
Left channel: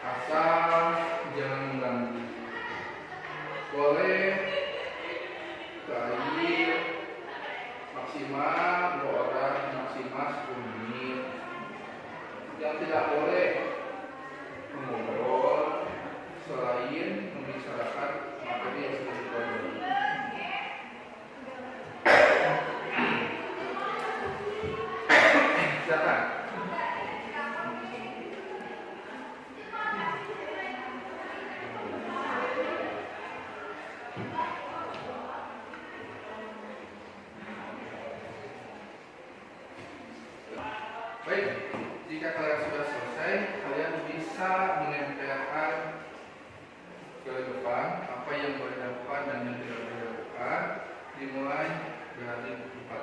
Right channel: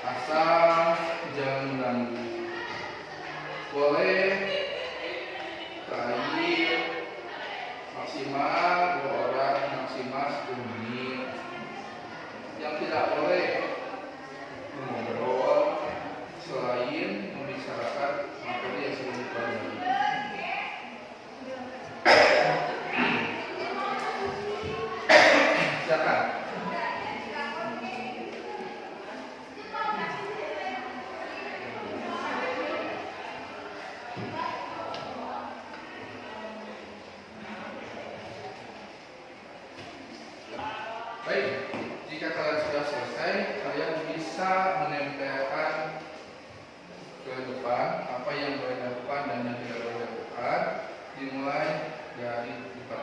asal jangan mengganggu. Boleh air maksimal 2 orang, maksimal 10 menit. Yang tidak boleh mengobrol selain membicarakan materi yang sudah dipelajari. Silakan. Baik, jika kalian sudah selesai, kalian bisa menempelkan ke depan apa yang boleh dilakukan dan yang tidak boleh dilakukan, dimulai dari depan.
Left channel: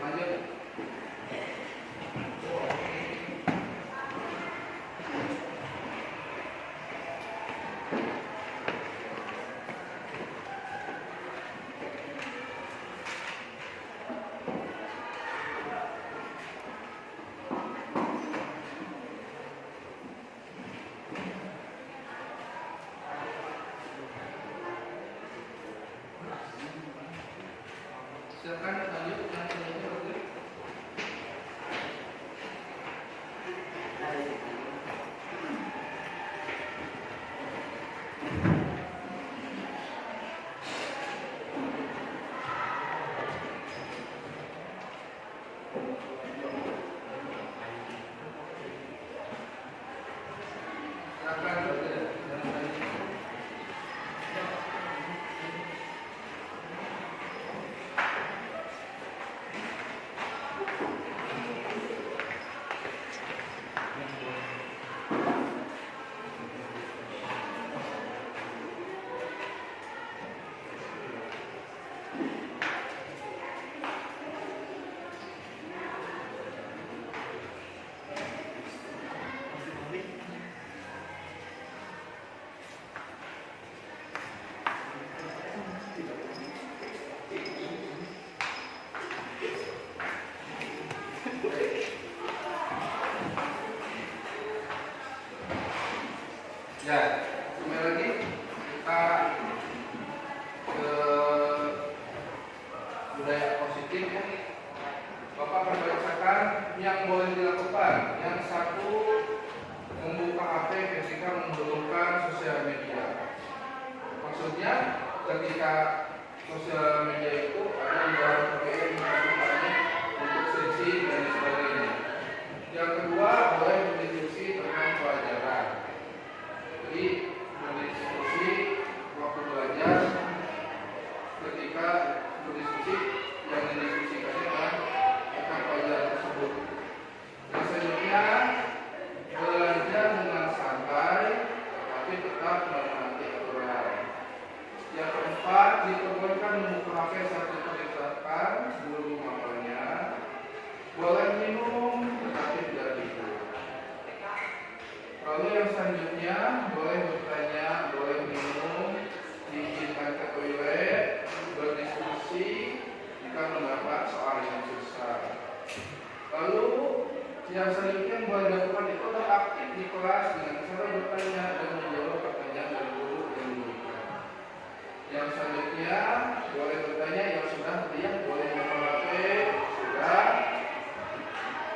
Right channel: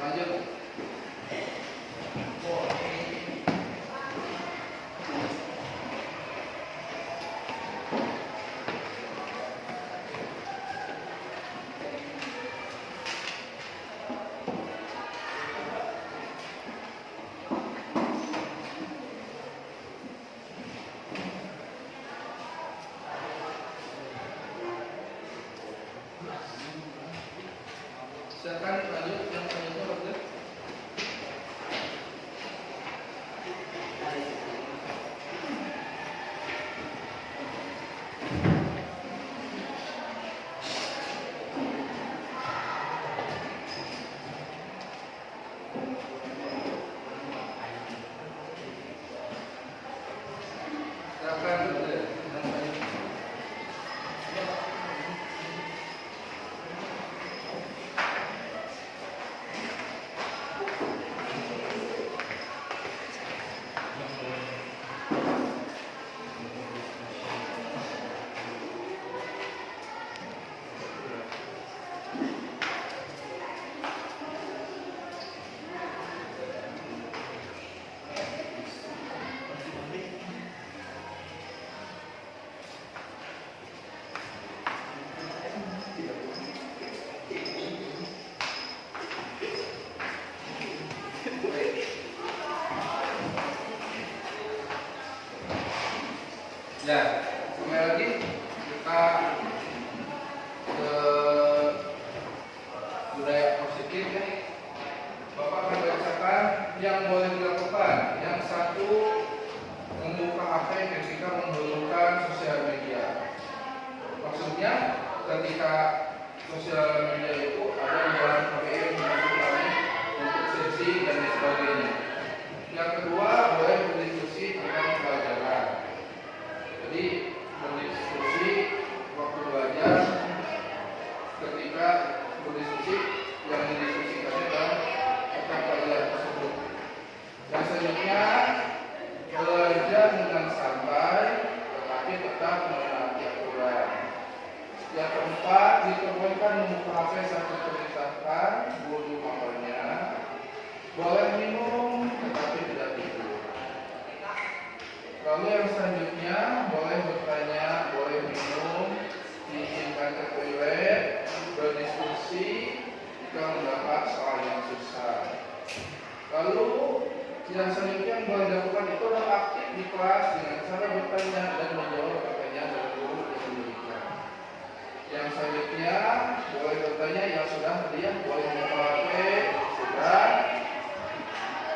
Lanjut. Silakan lanjut yang selanjutnya Dokter. Silakan Dokter. Yang selanjutnya. Ya, kembali lagi kita ke budaya positif ya. Bapak membacakan yang boleh dilakukan. Yang satu, membuka HP ketika menggunakan sosial media. Maksudnya ketika sosial media itu ada yang melakukannya untuk sesi dan lain sebagainya. Yang kedua, boleh berdiskusi tentang pelajaran. Jadi berdiskusi waktu belajar, ketika berdiskusi yang didiskusikannya adalah tentang pelajaran tersebut. Yang selanjutnya, belajar dengan santai tetapi tetap menaati aturan. Yang keempat, diperbolehkan membuka HP saat diperintahkan guru awalnya. Boleh minum tetapi tidak tidur. Lalu yang selanjutnya, boleh bertanya, boleh minum, diizinkan ke toilet, berdiskusi jika mendapat soal yang susah. Lalu yang selanjutnya yang boleh dilakukan itu adalah aktif di kelas dengan cara bertanya dan menjawab pertanyaan dari guru yang diberikan. Yang selanjutnya boleh bertanya yang sudah dia boleh membawa HP, sudah.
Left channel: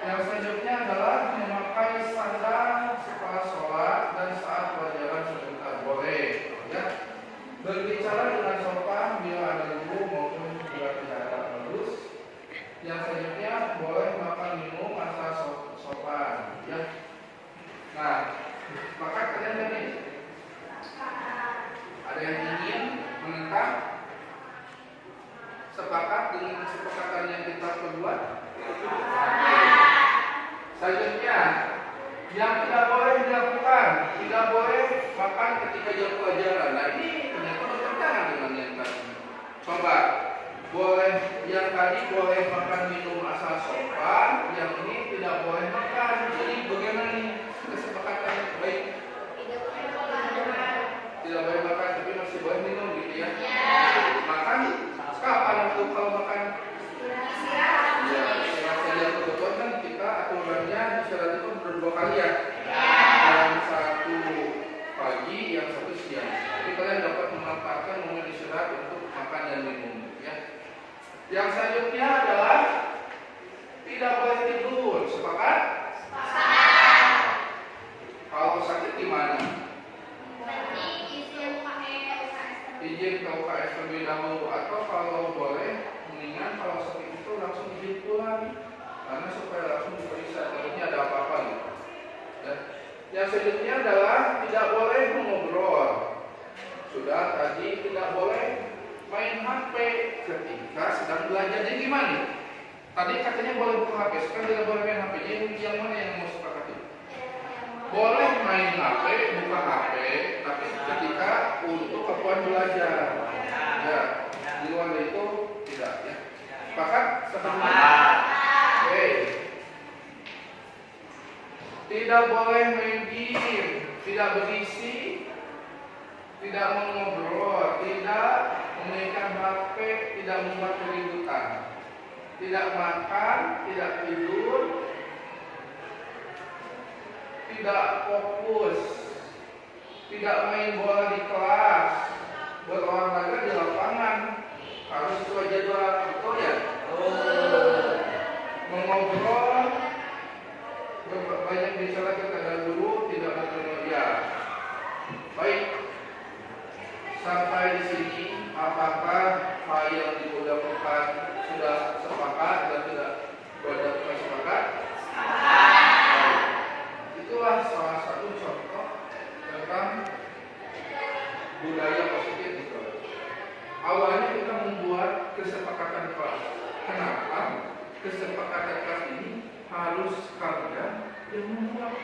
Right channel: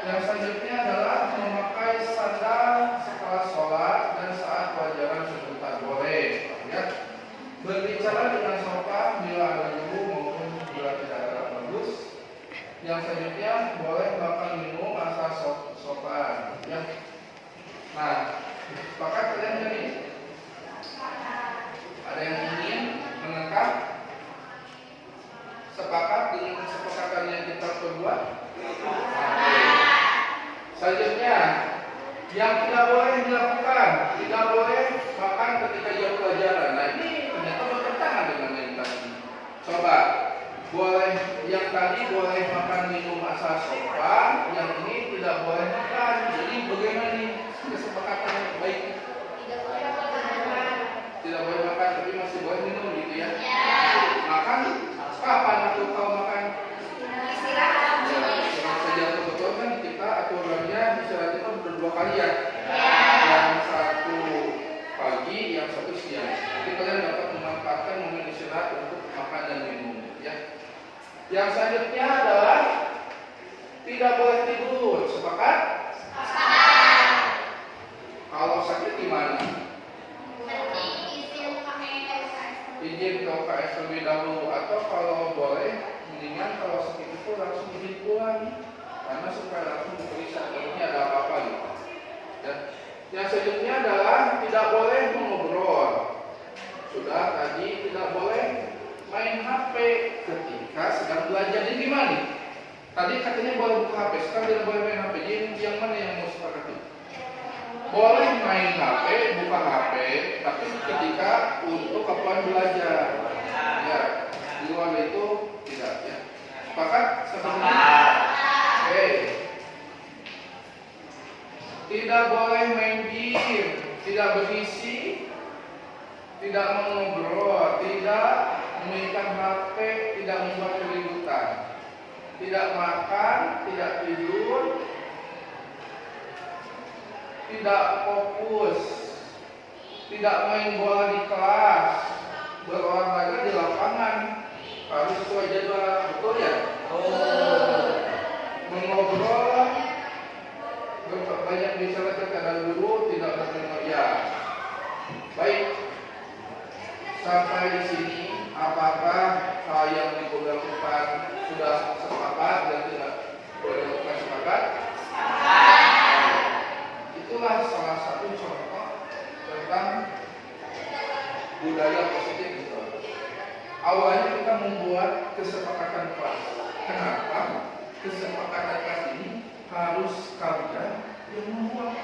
Yang selanjutnya adalah memakai sandal setelah sholat dan saat pelajaran sebentar boleh. Ya. Berbicara dengan sopan bila ada guru maupun bila tidak ada bagus. Yang selanjutnya boleh makan minum asal sopan. Ya. Nah, sepakat kalian jadi? Ada yang ingin menentang? Sepakat dengan kesepakatan yang kita perbuat? Selanjutnya, yang tidak boleh dilakukan, tidak boleh makan ketika jam pelajaran. Nah, ini Coba, boleh yang tadi boleh makan minum asal sopan, yang ini tidak boleh makan. Jadi bagaimana nih kesepakatan yang baik? Tidak boleh makan, tapi masih boleh minum gitu ya. Makan kapan tuh kalau makan? Cuma saja betul kan kita aturannya istilahnya itu berdua kali ya. Yang satu pagi, yang satu siang. Jadi kalian dapat memanfaatkan momen istirahat untuk makan dan minum ya. Yang selanjutnya adalah tidak boleh tidur. Sepakat? Kalau sakit gimana? Izin ke UKS terlebih dahulu, atau kalau boleh mendingan kalau sakit itu langsung izin pulang karena supaya langsung diperiksa takutnya ada apa-apa gitu. Dan yang selanjutnya adalah tidak boleh mengobrol. Sudah tadi tidak boleh main HP ketika sedang belajar. Jadi gimana? Tadi katanya boleh buka HP, sekarang tidak boleh main HP. Jadi yang mana yang mau sepakati? Boleh main HP, buka HP, tapi ketika untuk keperluan belajar. Ya, di luar itu tidak ya. Sepakat? Sepakat. Oke. Tidak boleh main game, tidak berisi, tidak mengobrol, tidak memainkan HP, tidak membuat keributan, tidak makan, tidak tidur, tidak fokus, tidak main bola di kelas, berolahraga di lapangan, harus sesuai jadwal, betul ya? Mengobrol, banyak bicara kepada guru, tidak bermedia. Baik, sampai di sini apakah hal yang dilakukan sudah sepakat dan tidak boleh sepakat? Itulah salah satu contoh tentang budaya positif gitu. Awalnya kita membuat kesepakatan kelas. Kenapa? Kesepakatan kelas ini harus kalian yang membuat.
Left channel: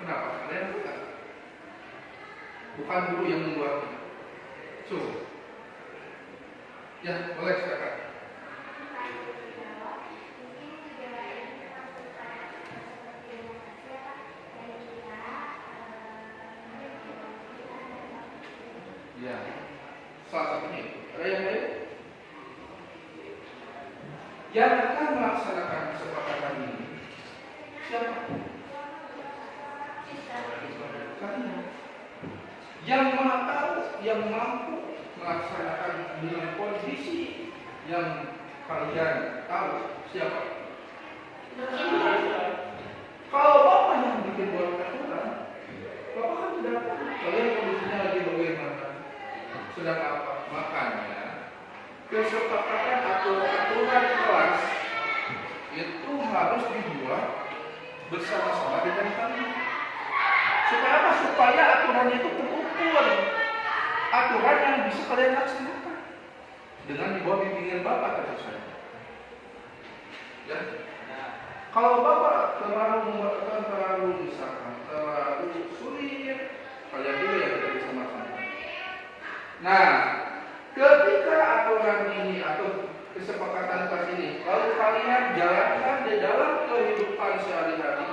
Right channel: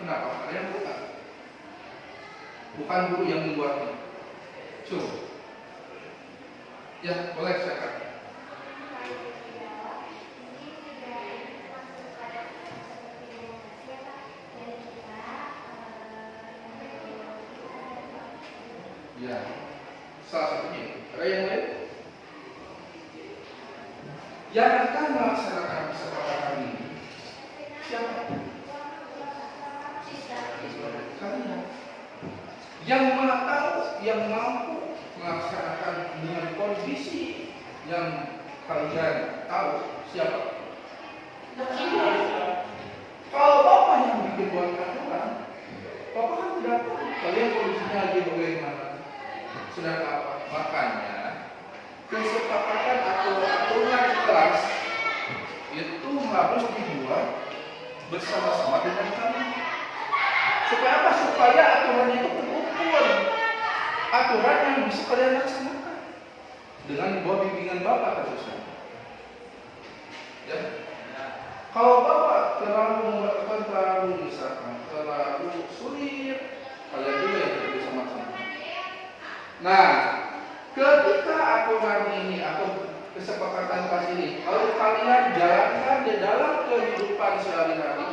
Kenapa? Kalian bukan. Bukan guru yang membuatnya. Ya, boleh silakan. Ya, salah satunya. Ada yang lain? Yang akan melaksanakan kesepakatan ini siapa? Kalian. Yang tahu, yang mampu melaksanakan dengan kondisi yang kalian tahu siapa? Kalau Bapak yang bikin buat aturan, Bapak kan tidak tahu kalian kondisinya lagi bagaimana, sedang apa. Makanya kesepakatan atau aturan kelas itu harus dibuat bersama-sama dengan kalian. Supaya apa? Supaya aturan itu terukur, aturan yang bisa kalian laksanakan dengan di bawah bimbingan Bapak tentu saja. Ya. Kalau Bapak terlalu membuat terlalu misalkan terlalu sulit, kalian juga yang tidak bisa melaksanakan. Nah, ketika aturan ini atau kesepakatan kelas ini, kalau kalian jalankan di dalam kehidupan sehari-hari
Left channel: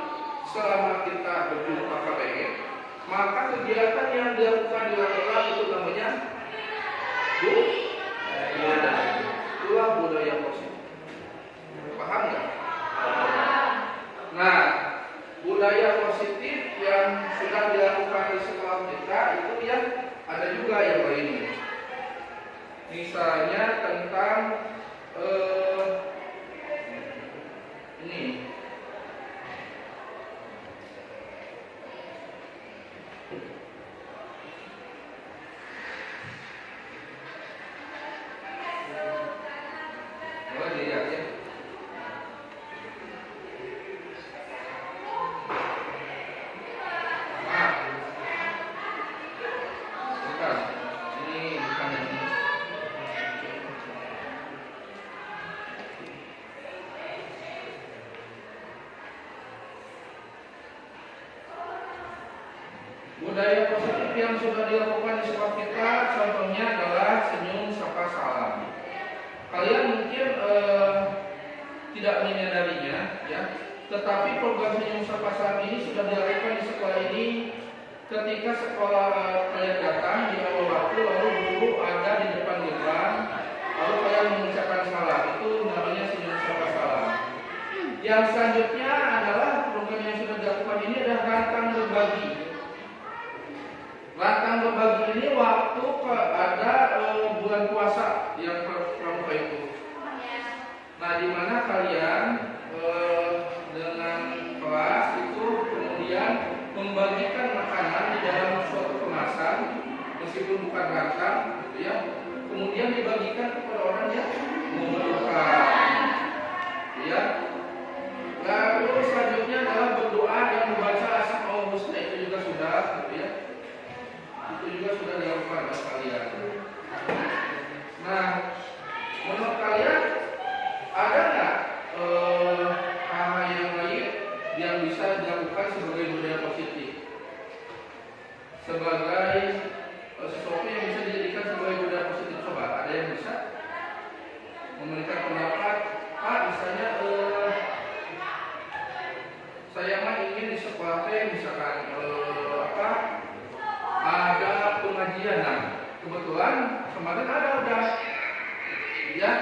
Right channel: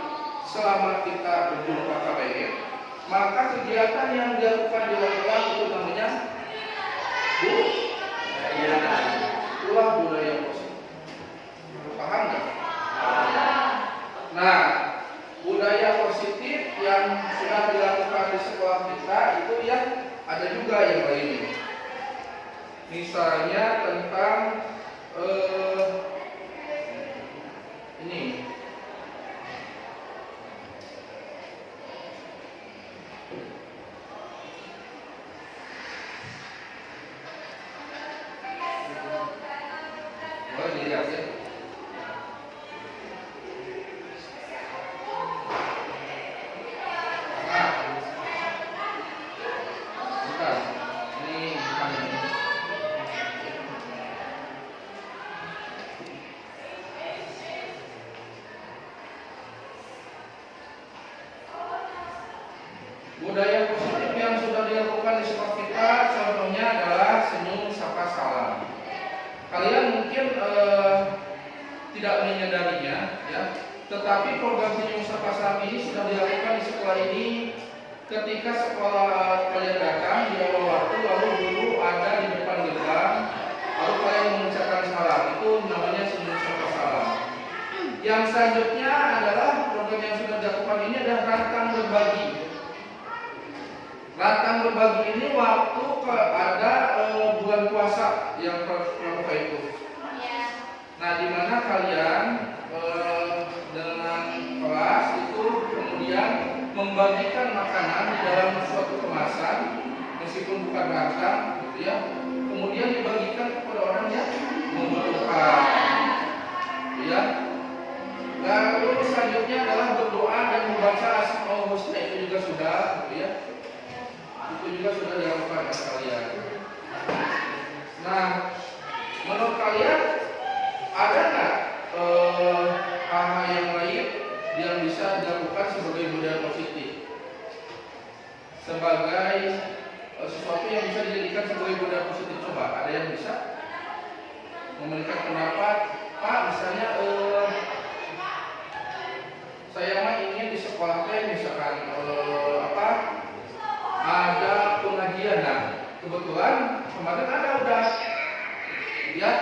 selama kita berjumpa KPM, maka kegiatan yang dilakukan di kelas itu namanya budaya. Itulah budaya positif. Paham nggak? Nah, budaya positif yang sudah dilakukan di sekolah kita itu yang ada juga yang lain. Misalnya tentang ini. Boleh dilihat ya. tidak menyadarinya, ya. Tetapi program senyum sapa salam ini sudah dilakukan di sekolah ini ketika sekolah kalian datang di awal waktu, lalu guru ada di depan gerbang, lalu kalian mengucapkan salam. Itu namanya senyum sapa salam. Yang selanjutnya adalah program yang sudah dilakukan ini adalah rantang berbagi. Rantang berbagi ini waktu ada bulan puasa yang pramuka itu. Nah, di mana kalian dengan kelas itu kemudian membagikan makanan di dalam suatu kemasan, meskipun bukan rantang, gitu ya. Kemudian dibagikan kepada orang yang membutuhkan, ya. Lalu selanjutnya adalah berdoa yang membaca Asmaul Husna, itu juga sudah, gitu ya. Itu juga sudah dilakukan oleh kalian. Nah, menurut kalian ada nggak hal-hal yang lain yang bisa dilakukan sebagai budaya positif, sebagai sesuatu yang bisa dijadikan sebagai budaya positif? Coba, ada yang bisa memberikan pendapat? Pak, misalnya saya mah ingin di sekolah teh misalkan ada pengajian. Nah, kebetulan kemarin ada udah, ya.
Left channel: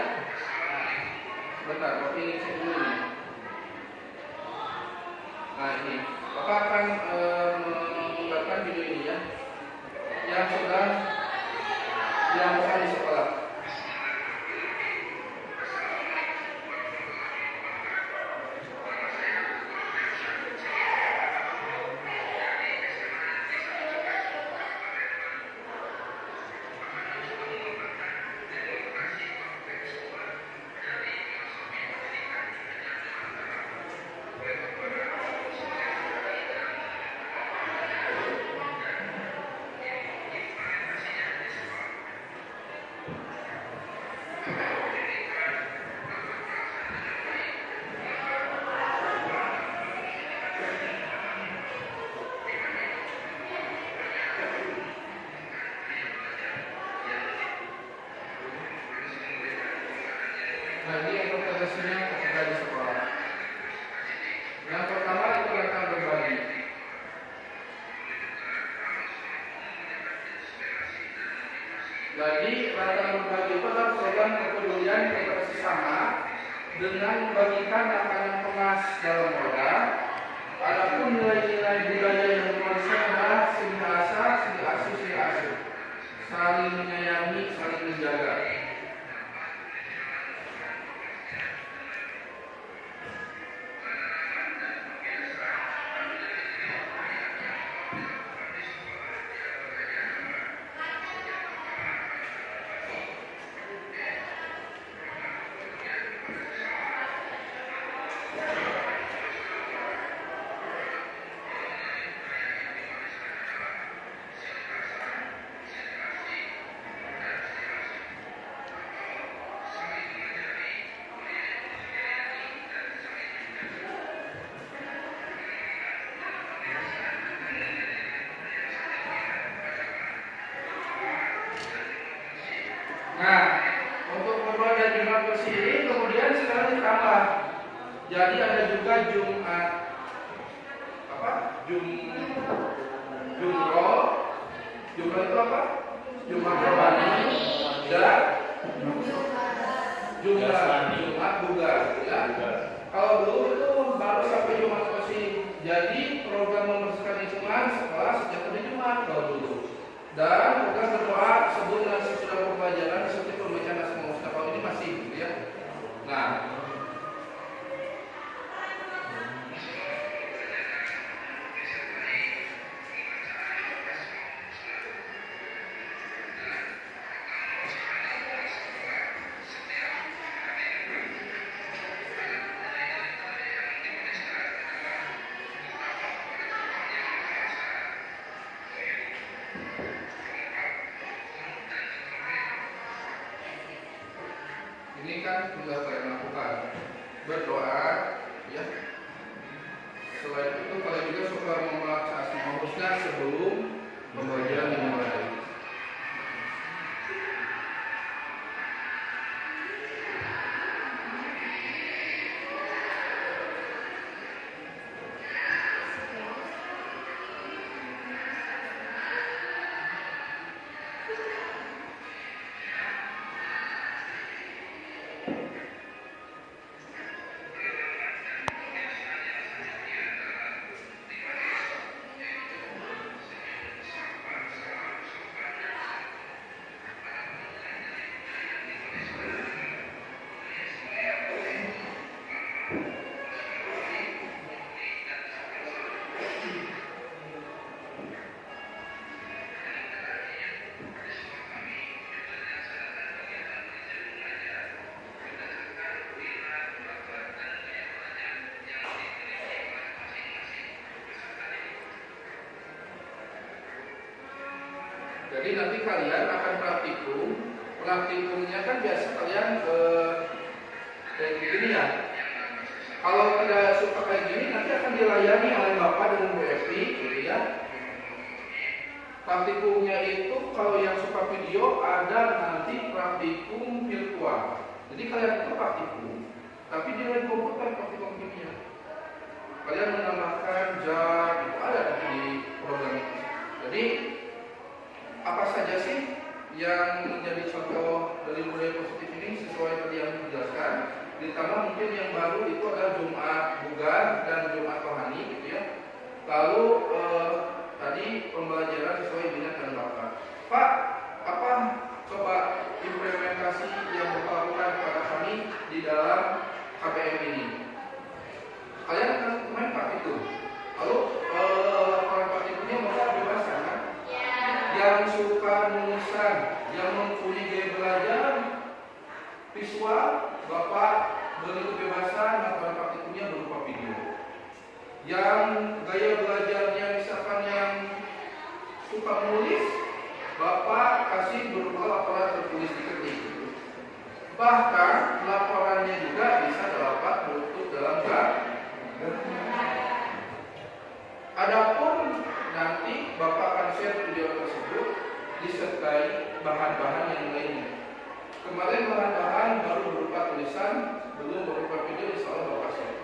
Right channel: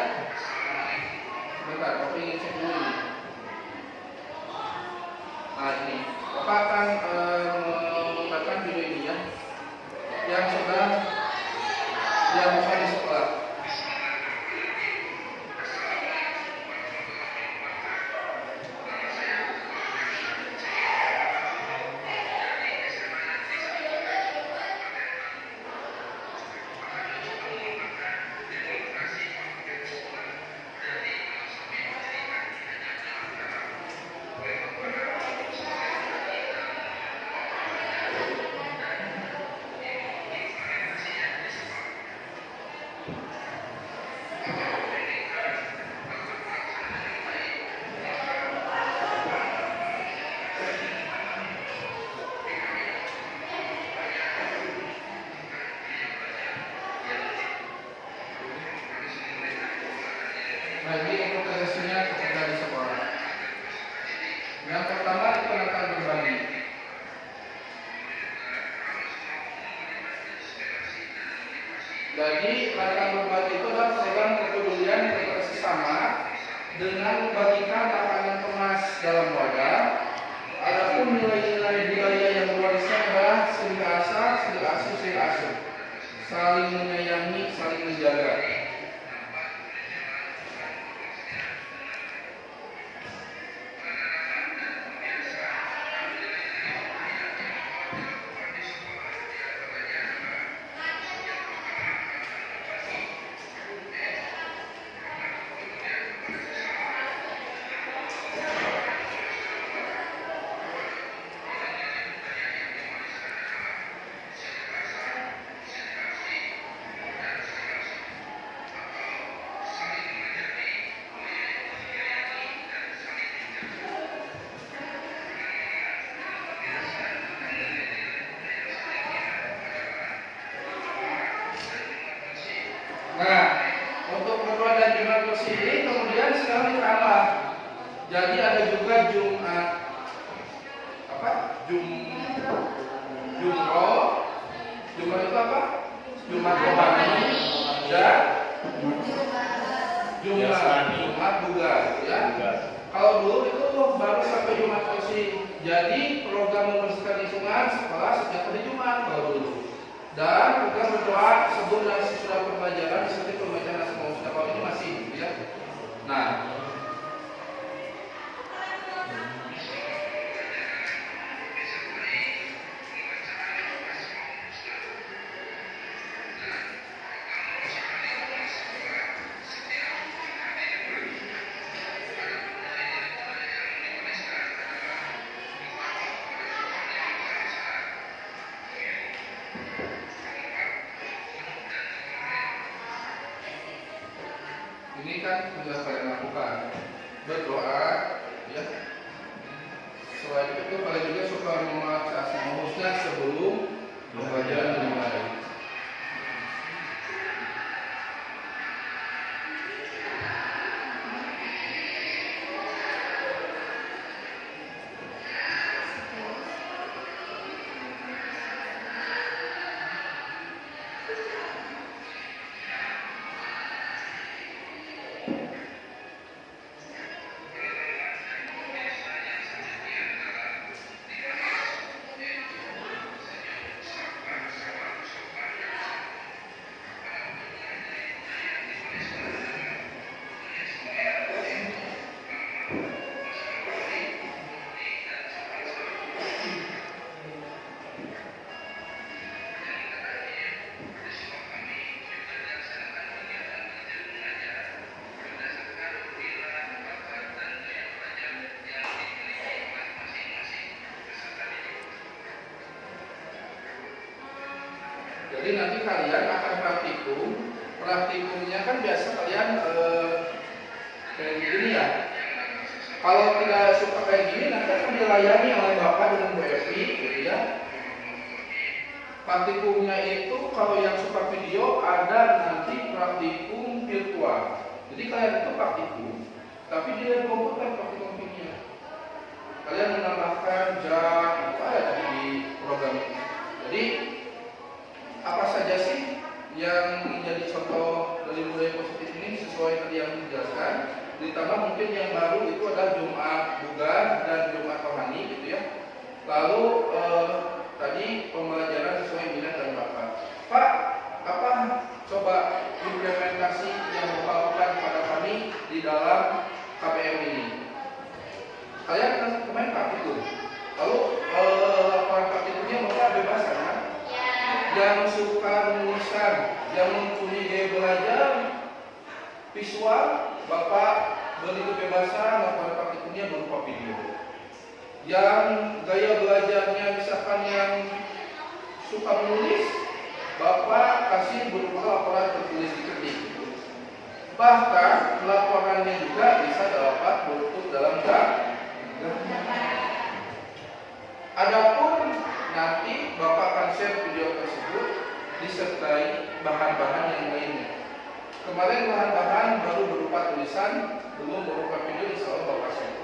Sebentar, tapi ingin cek dulu ini. Nah, ini Bapak akan menggunakan video ini, ya, yang sudah dilakukan di sekolah. Bagi implementasinya ketika di sekolah. Yang pertama itu rantang berbagi. Jadi rantang berbagi itu adalah program kepedulian kepada sesama dengan membagikan makanan kemas dalam wadah. Adapun nilai-nilai budaya yang berwarisan adalah seni asa, seni asih, seni asuh, saling menyayangi, saling menjaga. Nah, untuk berdoa dan Jumat bersih ini kemudian sekarang ditambah. Jadi ada juga Jumat Jumroh. Jumat itu apa? Jumat rohani dan Jumat bugar, ya. Kalau dulu itu baru sampai Jumat bersih. Jadi program membersihkan lingkungan sekolah sejak hari Jumat kalau dulu. Dan program berdoa sebelum dan sesudah pembelajaran seperti pembacaan Asmaul Husna kalau ini masih, ya. Nah, ini kan sudah kalian lakukan berdoa, ya. Selain itu kalian juga suka membaca Asmaul Husna sebelum pembelajaran dimulai. kalian akan praktikum. Praktikumnya kan biasa kalian kayak gini ya. Kalau tidak suka kayak gini, nanti akan dilayani oleh Bapak dengan Bu Evi, gitu ya. Praktikumnya itu kalau yang suka video ada nanti praktikum virtual. Jadi kalian itu praktikum, tapi di dalam komputer praktikumnya. Kalian menambahkan jam itu ada di program itu. Jadi apa saja sih yang menjadi contoh dari budaya positif ini sesuai tadi yang dijelaskan. Ditambah mungkin yang baru itu adalah Jumat Bugar dan Jumat Rohani gitu ya. Lalu tadi pembelajaran sesuai minat dan bakat. Pak, apa coba implementasi yang Bapak lakukan kepada kami di dalam KPM ini? Kalian kan kemarin praktikum. Lalu laporan praktikumnya Bapak bebas kan? Yang suka menuliskan, yang mempunyai gaya belajar visual, Bapak beri kebebasan laporan praktikumnya berupa video. Yang gaya belajarnya misalkan yang suka menulis, Bapak kasih berupa laporan tertulis diketik. Bahkan laporannya juga bisa dapat bentuk dalam gambar. Adapun nanti Bapak akan share video tersebut disertai bahan-bahan yang lainnya. Kemarin bahan-bahan baru berupa tulisan, belum berupa video soal Bapak share.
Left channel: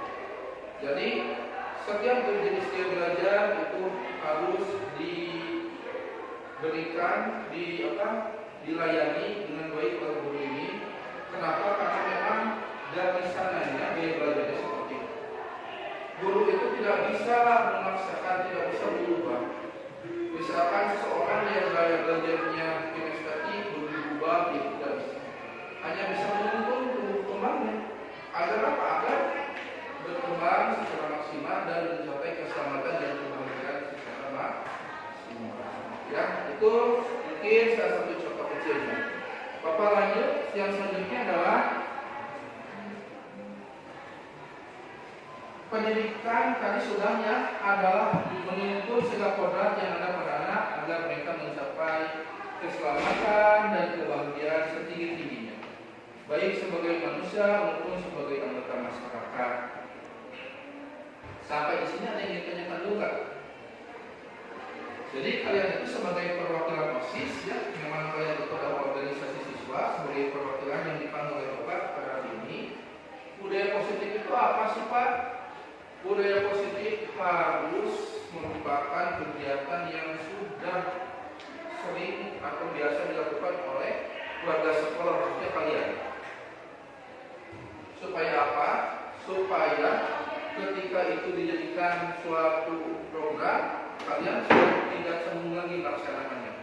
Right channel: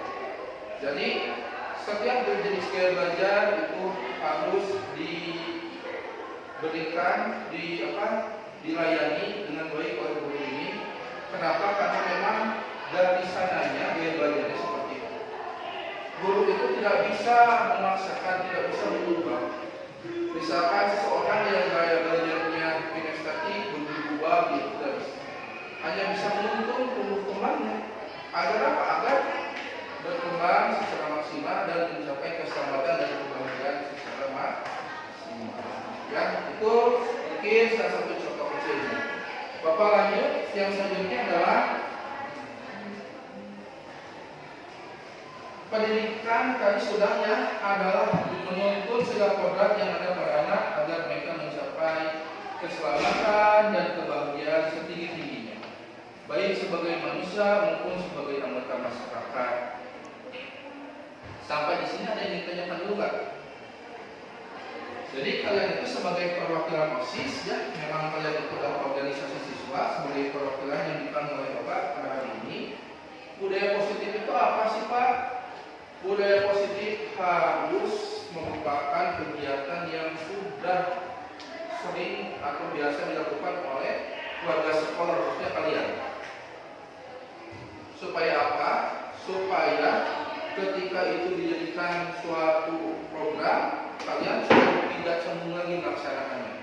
Jadi setiap jenis gaya belajar itu harus diberikan, dilayani dengan baik oleh guru ini. Kenapa? Karena memang dari sananya gaya belajarnya seperti itu. Guru itu tidak bisa memaksakan, tidak bisa berubah. Misalkan seseorang yang gaya belajarnya kinestetik berubah, itu tidak bisa. Hanya bisa menuntun tumbuh kembangnya. Agar apa? Agar berkembang secara maksimal dan mencapai keselamatan dan kebahagiaan secara maksimal. Ya, itu mungkin salah satu contoh kecilnya. Bapak lanjut, yang selanjutnya adalah pendidikan tadi sudahnya adalah menuntun segala kodrat yang ada pada anak agar mereka mencapai keselamatan dan kebahagiaan setinggi-tingginya, baik sebagai manusia maupun sebagai anggota masyarakat. Sampai di sini ada yang ditanyakan dulu nggak? Jadi kalian itu sebagai perwakilan OSIS ya, memang kalian itu adalah organisasi siswa sebagai perwakilan yang dipanggil oleh Bapak pada hari ini. Budaya positif itu apa sih Pak? Budaya positif harus merupakan kegiatan yang sudah sering atau biasa dilakukan oleh keluarga sekolah, khususnya kalian. Supaya apa? Supaya ketika itu dijadikan suatu program, kalian sudah tidak sembung lagi melaksanakannya.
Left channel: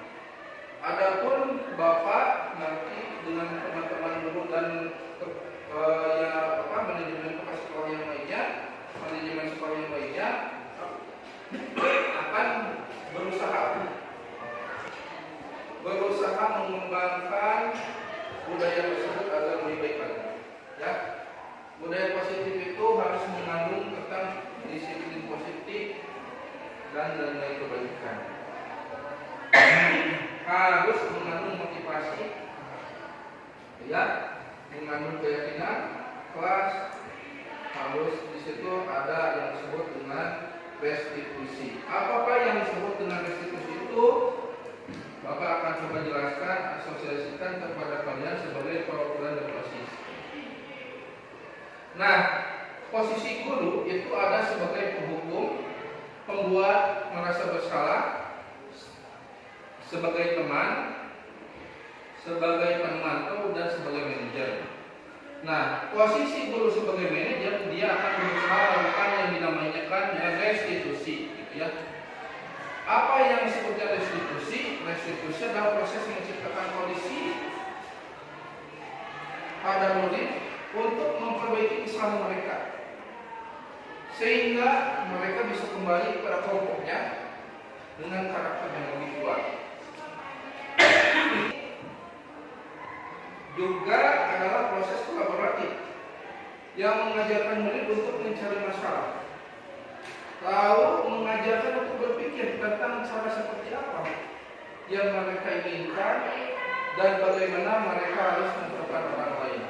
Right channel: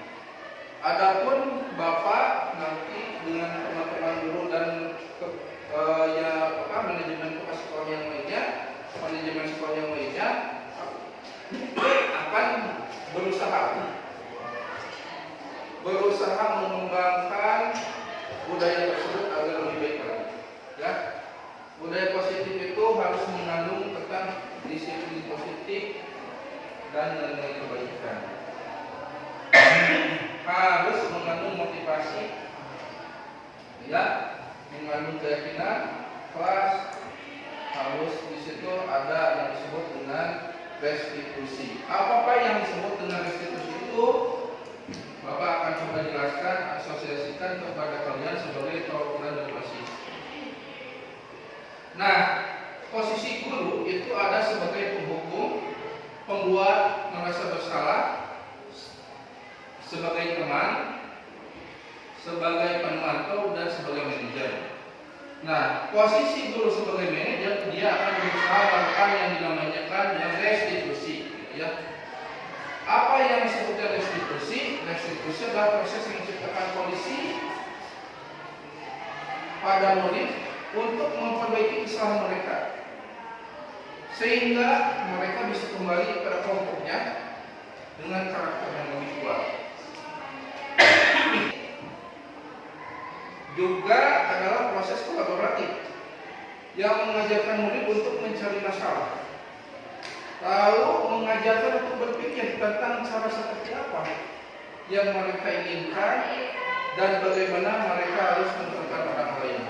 Adapun Bapak nanti dengan teman-teman guru dan manajemen sekolah yang lainnya, akan berusaha mengembangkan budaya tersebut agar lebih baik lagi. Ya, budaya positif itu harus mengandung tentang disiplin positif dan nilai kebaikan. Harus mengandung motivasi, ya, mengandung keyakinan, kelas. Harus di situ ada yang disebut dengan restitusi. Apa yang disebut dengan restitusi itu? Bapak akan coba jelaskan, asosiasikan kepada kalian sebagai perwakilan dan OSIS. Nah, posisi guru itu ada sebagai penghukum, pembuat merasa bersalah, sebagai teman, sebagai pemantau, dan sebagai manajer. Nah, posisi guru sebagai manajer, dia akan berusaha melakukan yang dinamakan restitusi, gitu ya. Apa yang disebutkan restitusi? Restitusi adalah proses yang menciptakan kondisi pada murid untuk memperbaiki kesalahan mereka, sehingga mereka bisa kembali pada kelompoknya dengan karakter yang lebih kuat. Juga adalah proses kolaboratif yang mengajarkan murid untuk mencari masalah, lalu mengajarkan untuk berpikir tentang cara seperti apa yang mereka inginkan dan bagaimana mereka harus memperbuat orang lain.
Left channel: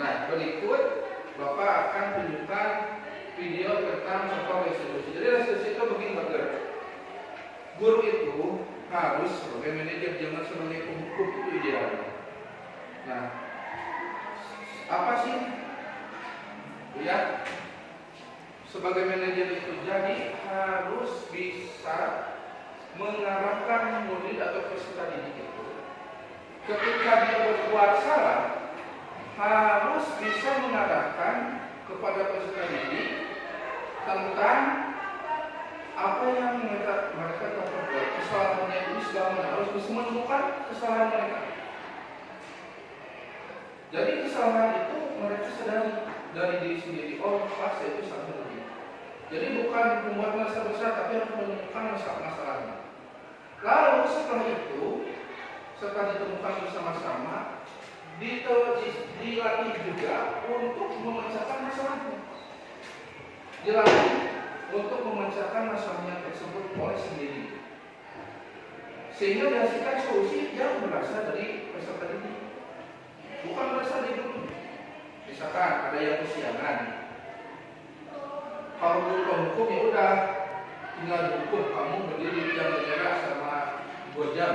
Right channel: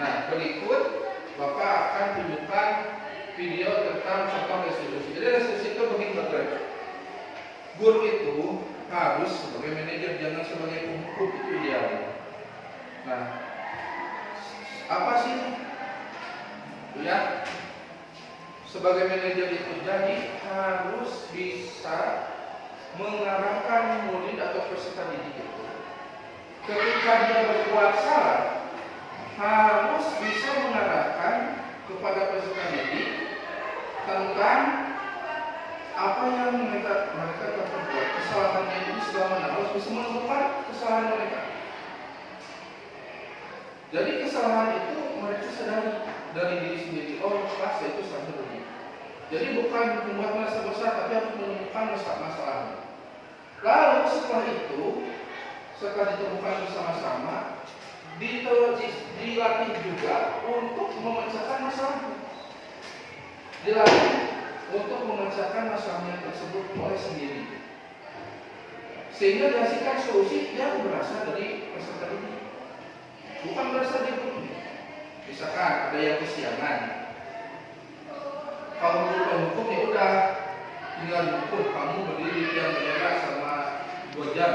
Nah, berikut Bapak akan tunjukkan video tentang contoh restitusi. Jadi restitusi itu begini Bapak. Guru itu harus sebagai manajer, jangan sebagai penghukum, itu ideal. Nah, apa sih? Ya, sebagai manajer itu jadi harus bisa mengarahkan murid atau peserta didik itu. Ketika dia berbuat salah, harus bisa mengarahkan kepada peserta didik tentang apa yang mereka telah perbuat, kesalahannya itu sebagaimana, harus bisa menemukan kesalahan mereka. Jadi kesalahan itu mereka sadari dari diri sendiri. Oh, pas itu salah begini. Jadi bukan membuat masalah besar, tapi harus menemukan masalahnya. Lalu setelah itu, setelah ditemukan bersama-sama, dilatih juga untuk memecahkan masalahnya. Dilatih untuk memecahkan masalahnya tersebut oleh sendiri, sehingga dihasilkan solusi yang berasal dari peserta didik, bukan berasal dari guru. Misalkan ada yang kesiangan, kalau guru penghukum ya udah tinggal dihukum, kamu berdiri di jam merah sama 2 jam.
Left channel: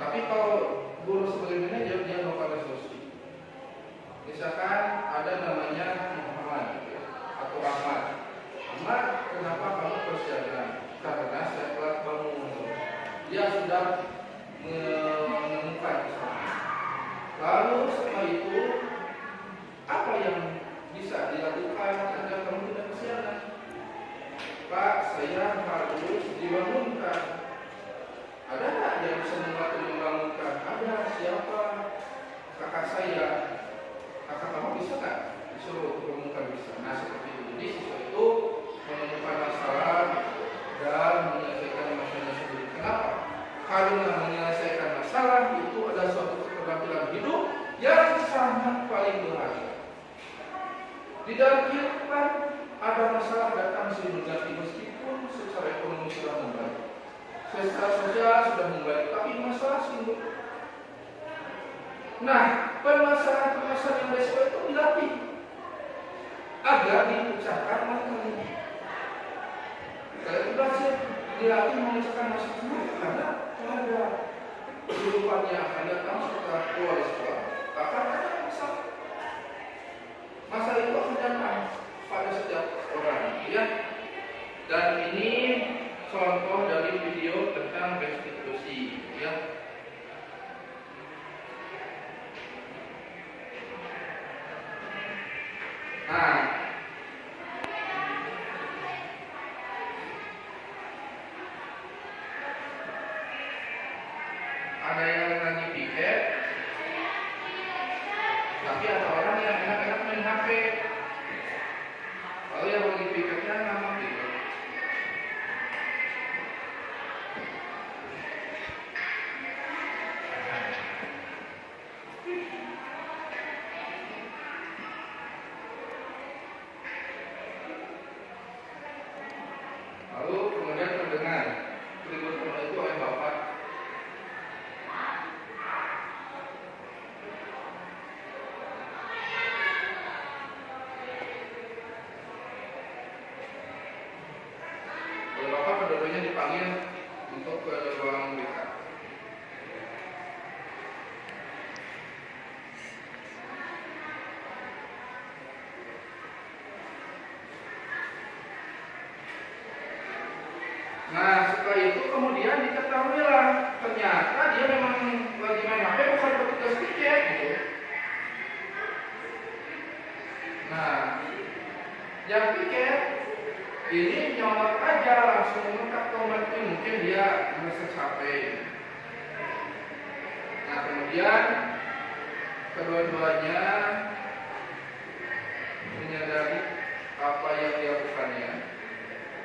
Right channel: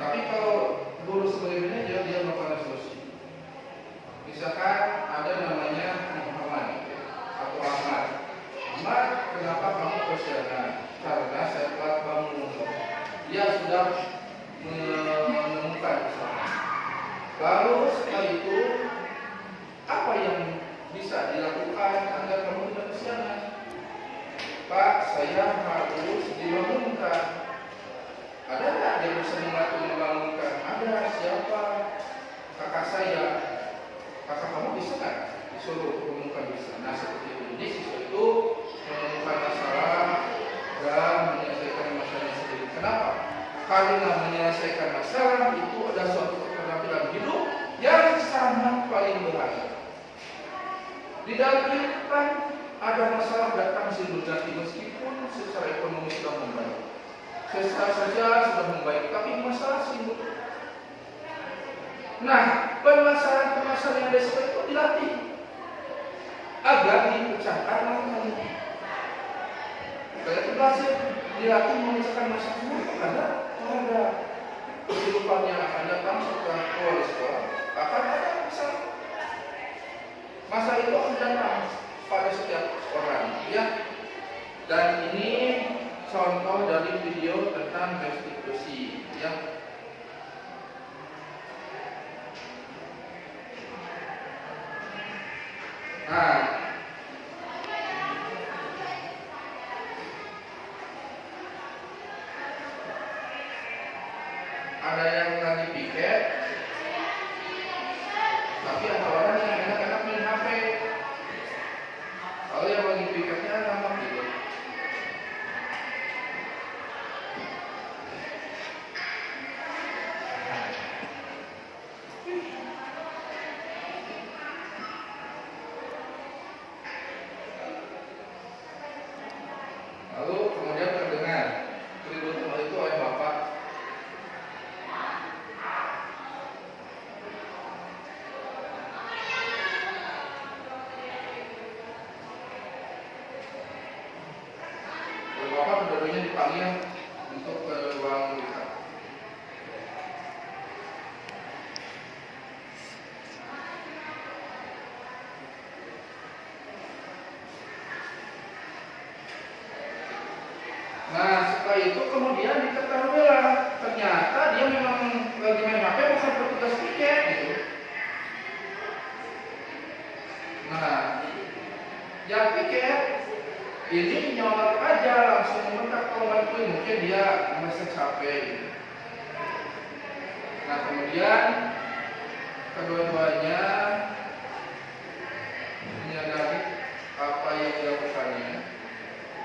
Tapi kalau guru sebagai manajer, dia melakukan solusi. Misalkan ada namanya Muhammad atau Ahmad. Ahmad, kenapa kamu kesiangan? Karena saya telat bangun. Dia sudah menemukan kesalahan. Lalu setelah itu, apa yang bisa dilakukan agar kamu tidak kesiangan? Pak, saya harus dibangunkan. Ada nggak yang bisa membangunkan? Ada. Siapa? Kakak saya. Kakak kamu bisa nggak? Disuruh bangunkan, bisa. Nah, seperti itu. Jadi siswa itu menemukan masalah dan menyelesaikan masalahnya sendiri. Kenapa? Karena menyelesaikan masalah itu adalah suatu keterampilan hidup yang sangat paling berharga. Di dalam kehidupan ada masalah datang silih berganti, meskipun secara ekonomi sudah membaik, secara saja sudah membaik, tapi masalah silih. Nah, permasalahan yang resiko itu dilatih agar dipecahkan masalahnya. Kalau belajar dilatih memecahkan masalahnya, karena ada kehidupannya, ada setelah keluar sekolah akan ada masalah. Masalah itu akan datang pada setiap orang, ya. Dan ini contoh dari video tentang restitusi, ya. Nah, ada yang lagi piket, tapi ada orang yang enak-enak main HP. Kalau yang lagi piketnya lama gitu. Lalu kemudian terdengar keributan itu oleh bapak. Bapak kedua-duanya dipanggil untuk ke ruang BK. Nah, setelah itu kemudian diketahuilah ternyata dia memang lagi main HP, bukan petugas tiket gitu. Nah, yang tiket ini nyolot aja langsung mentak tombol ini, mungkin dia merasa capek. Nah, kemudian kedua-duanya menyadari apa yang dilakukannya.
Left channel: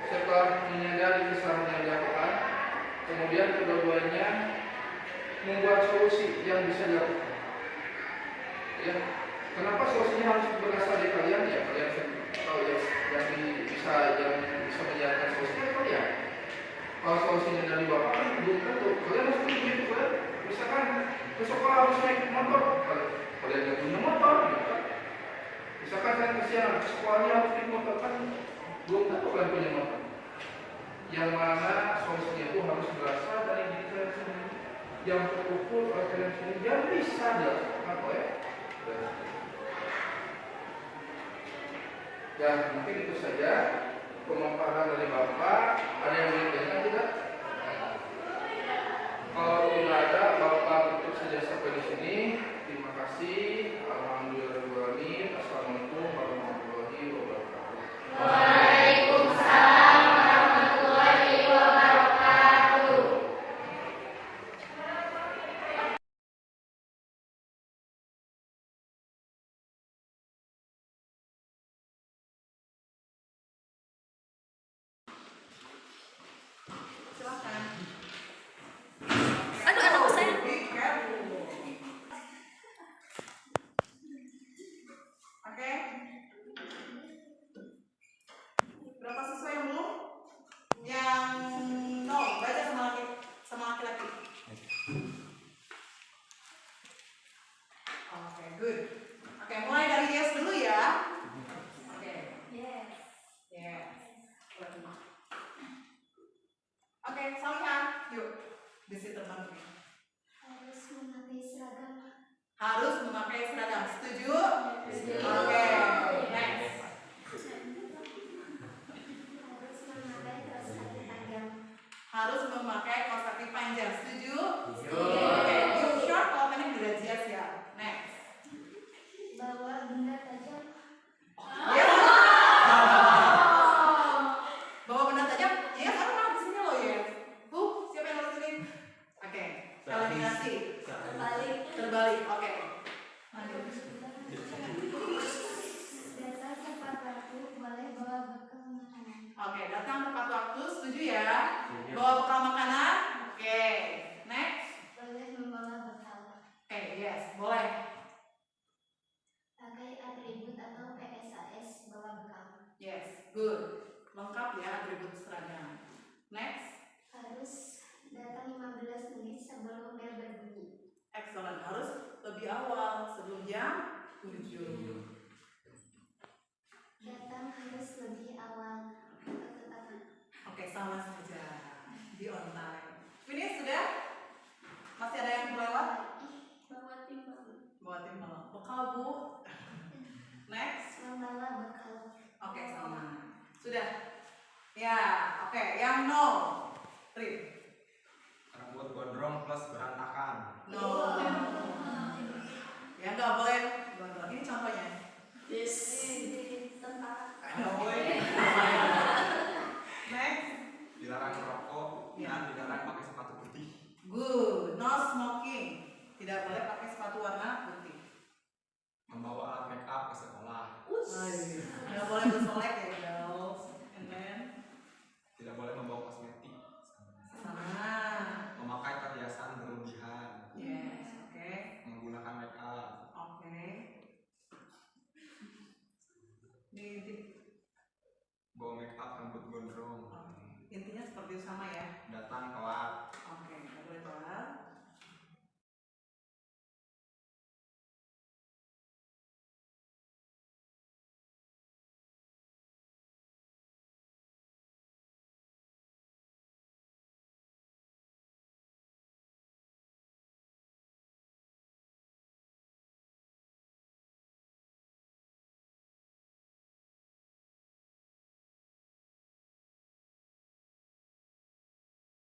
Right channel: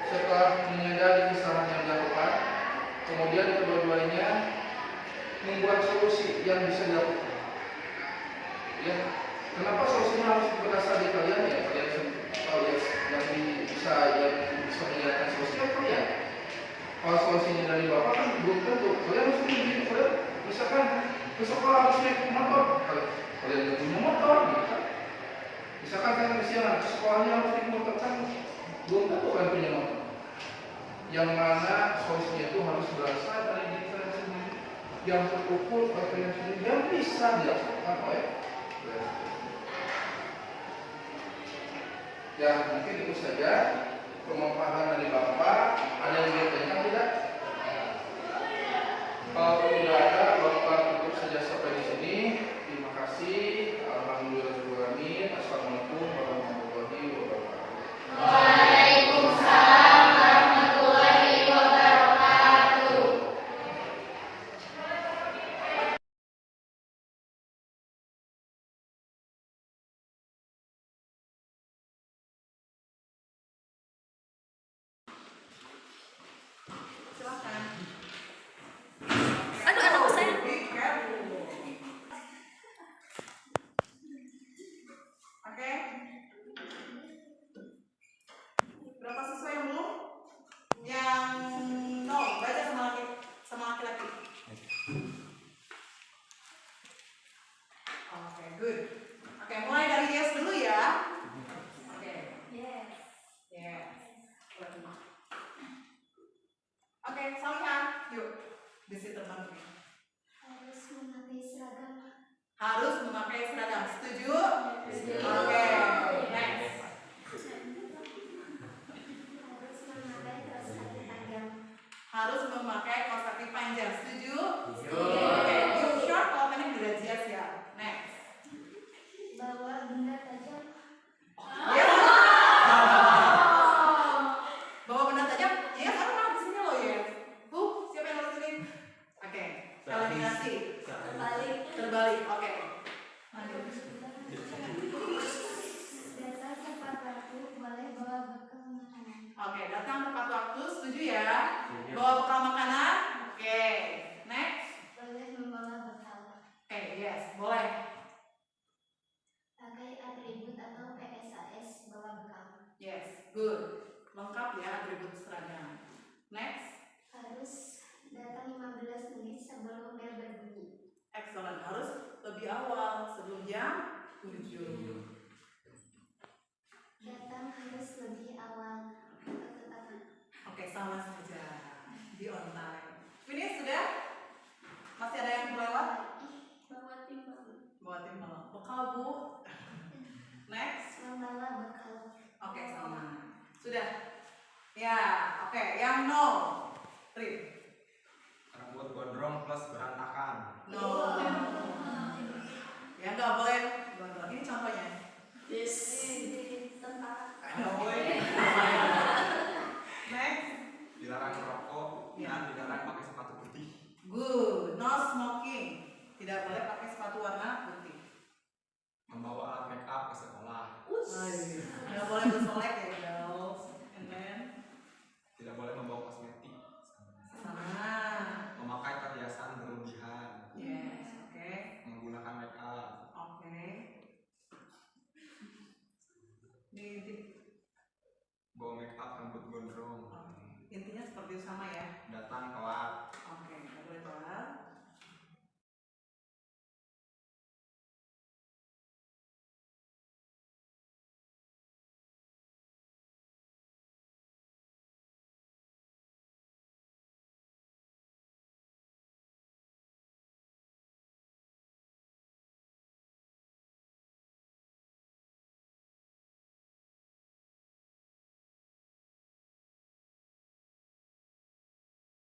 Setelah menyadari kesalahan yang dilakukan, kemudian kedua-duanya membuat solusi yang bisa dilakukan. Ya, kenapa solusinya harus berasal dari kalian ya? Kalian yang bisa menyediakan solusinya kalian. Kalau solusinya dari bapak kan belum tentu. Kalian harus begitu, kalian misalkan ke sekolah harus naik motor, kalian nggak punya motor, gitu kan? Misalkan saya kesian, sekolahnya harus naik motor kan, belum tentu kalian punya motor. Yang mana solusinya itu harus berasal dari diri kalian sendiri, yang terukur oleh kalian sendiri, yang bisa dilakukan oleh kalian sendiri. Ya mungkin itu saja pemaparan dari Bapak. Ada yang ingin ditanyakan tidak? Kalau tidak ada, Bapak tutup saja sampai di sini. Terima kasih. Alhamdulillahirobbilalamin. Assalamualaikum warahmatullahi wabarakatuh. Waalaikumsalam warahmatullahi wabarakatuh. Silakan. Aduh, anak saya. Oke. Berapa siswa yang belum? Yang nol, baca sama laki-laki. Oke, good. Oke, mulai dari yes dulu ya. Oke. Yes. Yes. Oke, Salihan, yuk. Besi terbang. Harus memakai seragam. Harus memakai seragam. Setuju? Setuju. Oke, next. Harus memakai kaos kaki panjang. Harus memakai kaos kaki panjang. Setuju? Setuju. Oke, you short kalau pendek derajat ya. Next. Bawa benda tajam. Yes. Bawa benda tajam? Yes, aku mau di sini loh ya. Siapa yang harus ini? Oke, eliminasi. Terbalik. Oke. Datang tepat waktu, boleh bawa bekal makanan. Oke, datang tepat waktu. Setuju ya? Bawa bekal makanan. Oke. Next. Boleh membawa bekal. Oke, yes, boleh. Pakai atribut atau PSAS bawa bekal. Yes, good. Lengkap ya atribut seragam. Next. Harus datang 15 menit sebelum bel berbunyi. Excellent. Harus lebih awal sebelum jam 7. Datang harus lebih awal atau ketepatan. Oke, sama saja. Di on time. Ini sudah? Masih ada yang kelewat? Bawa timbang. Bawa timbang. Bekal, Bu. Next. Membawa bekal. Oke, sama. Sudah. Ya, oke. Yang no. Trip. Rambut gondrong plus berantakan. No.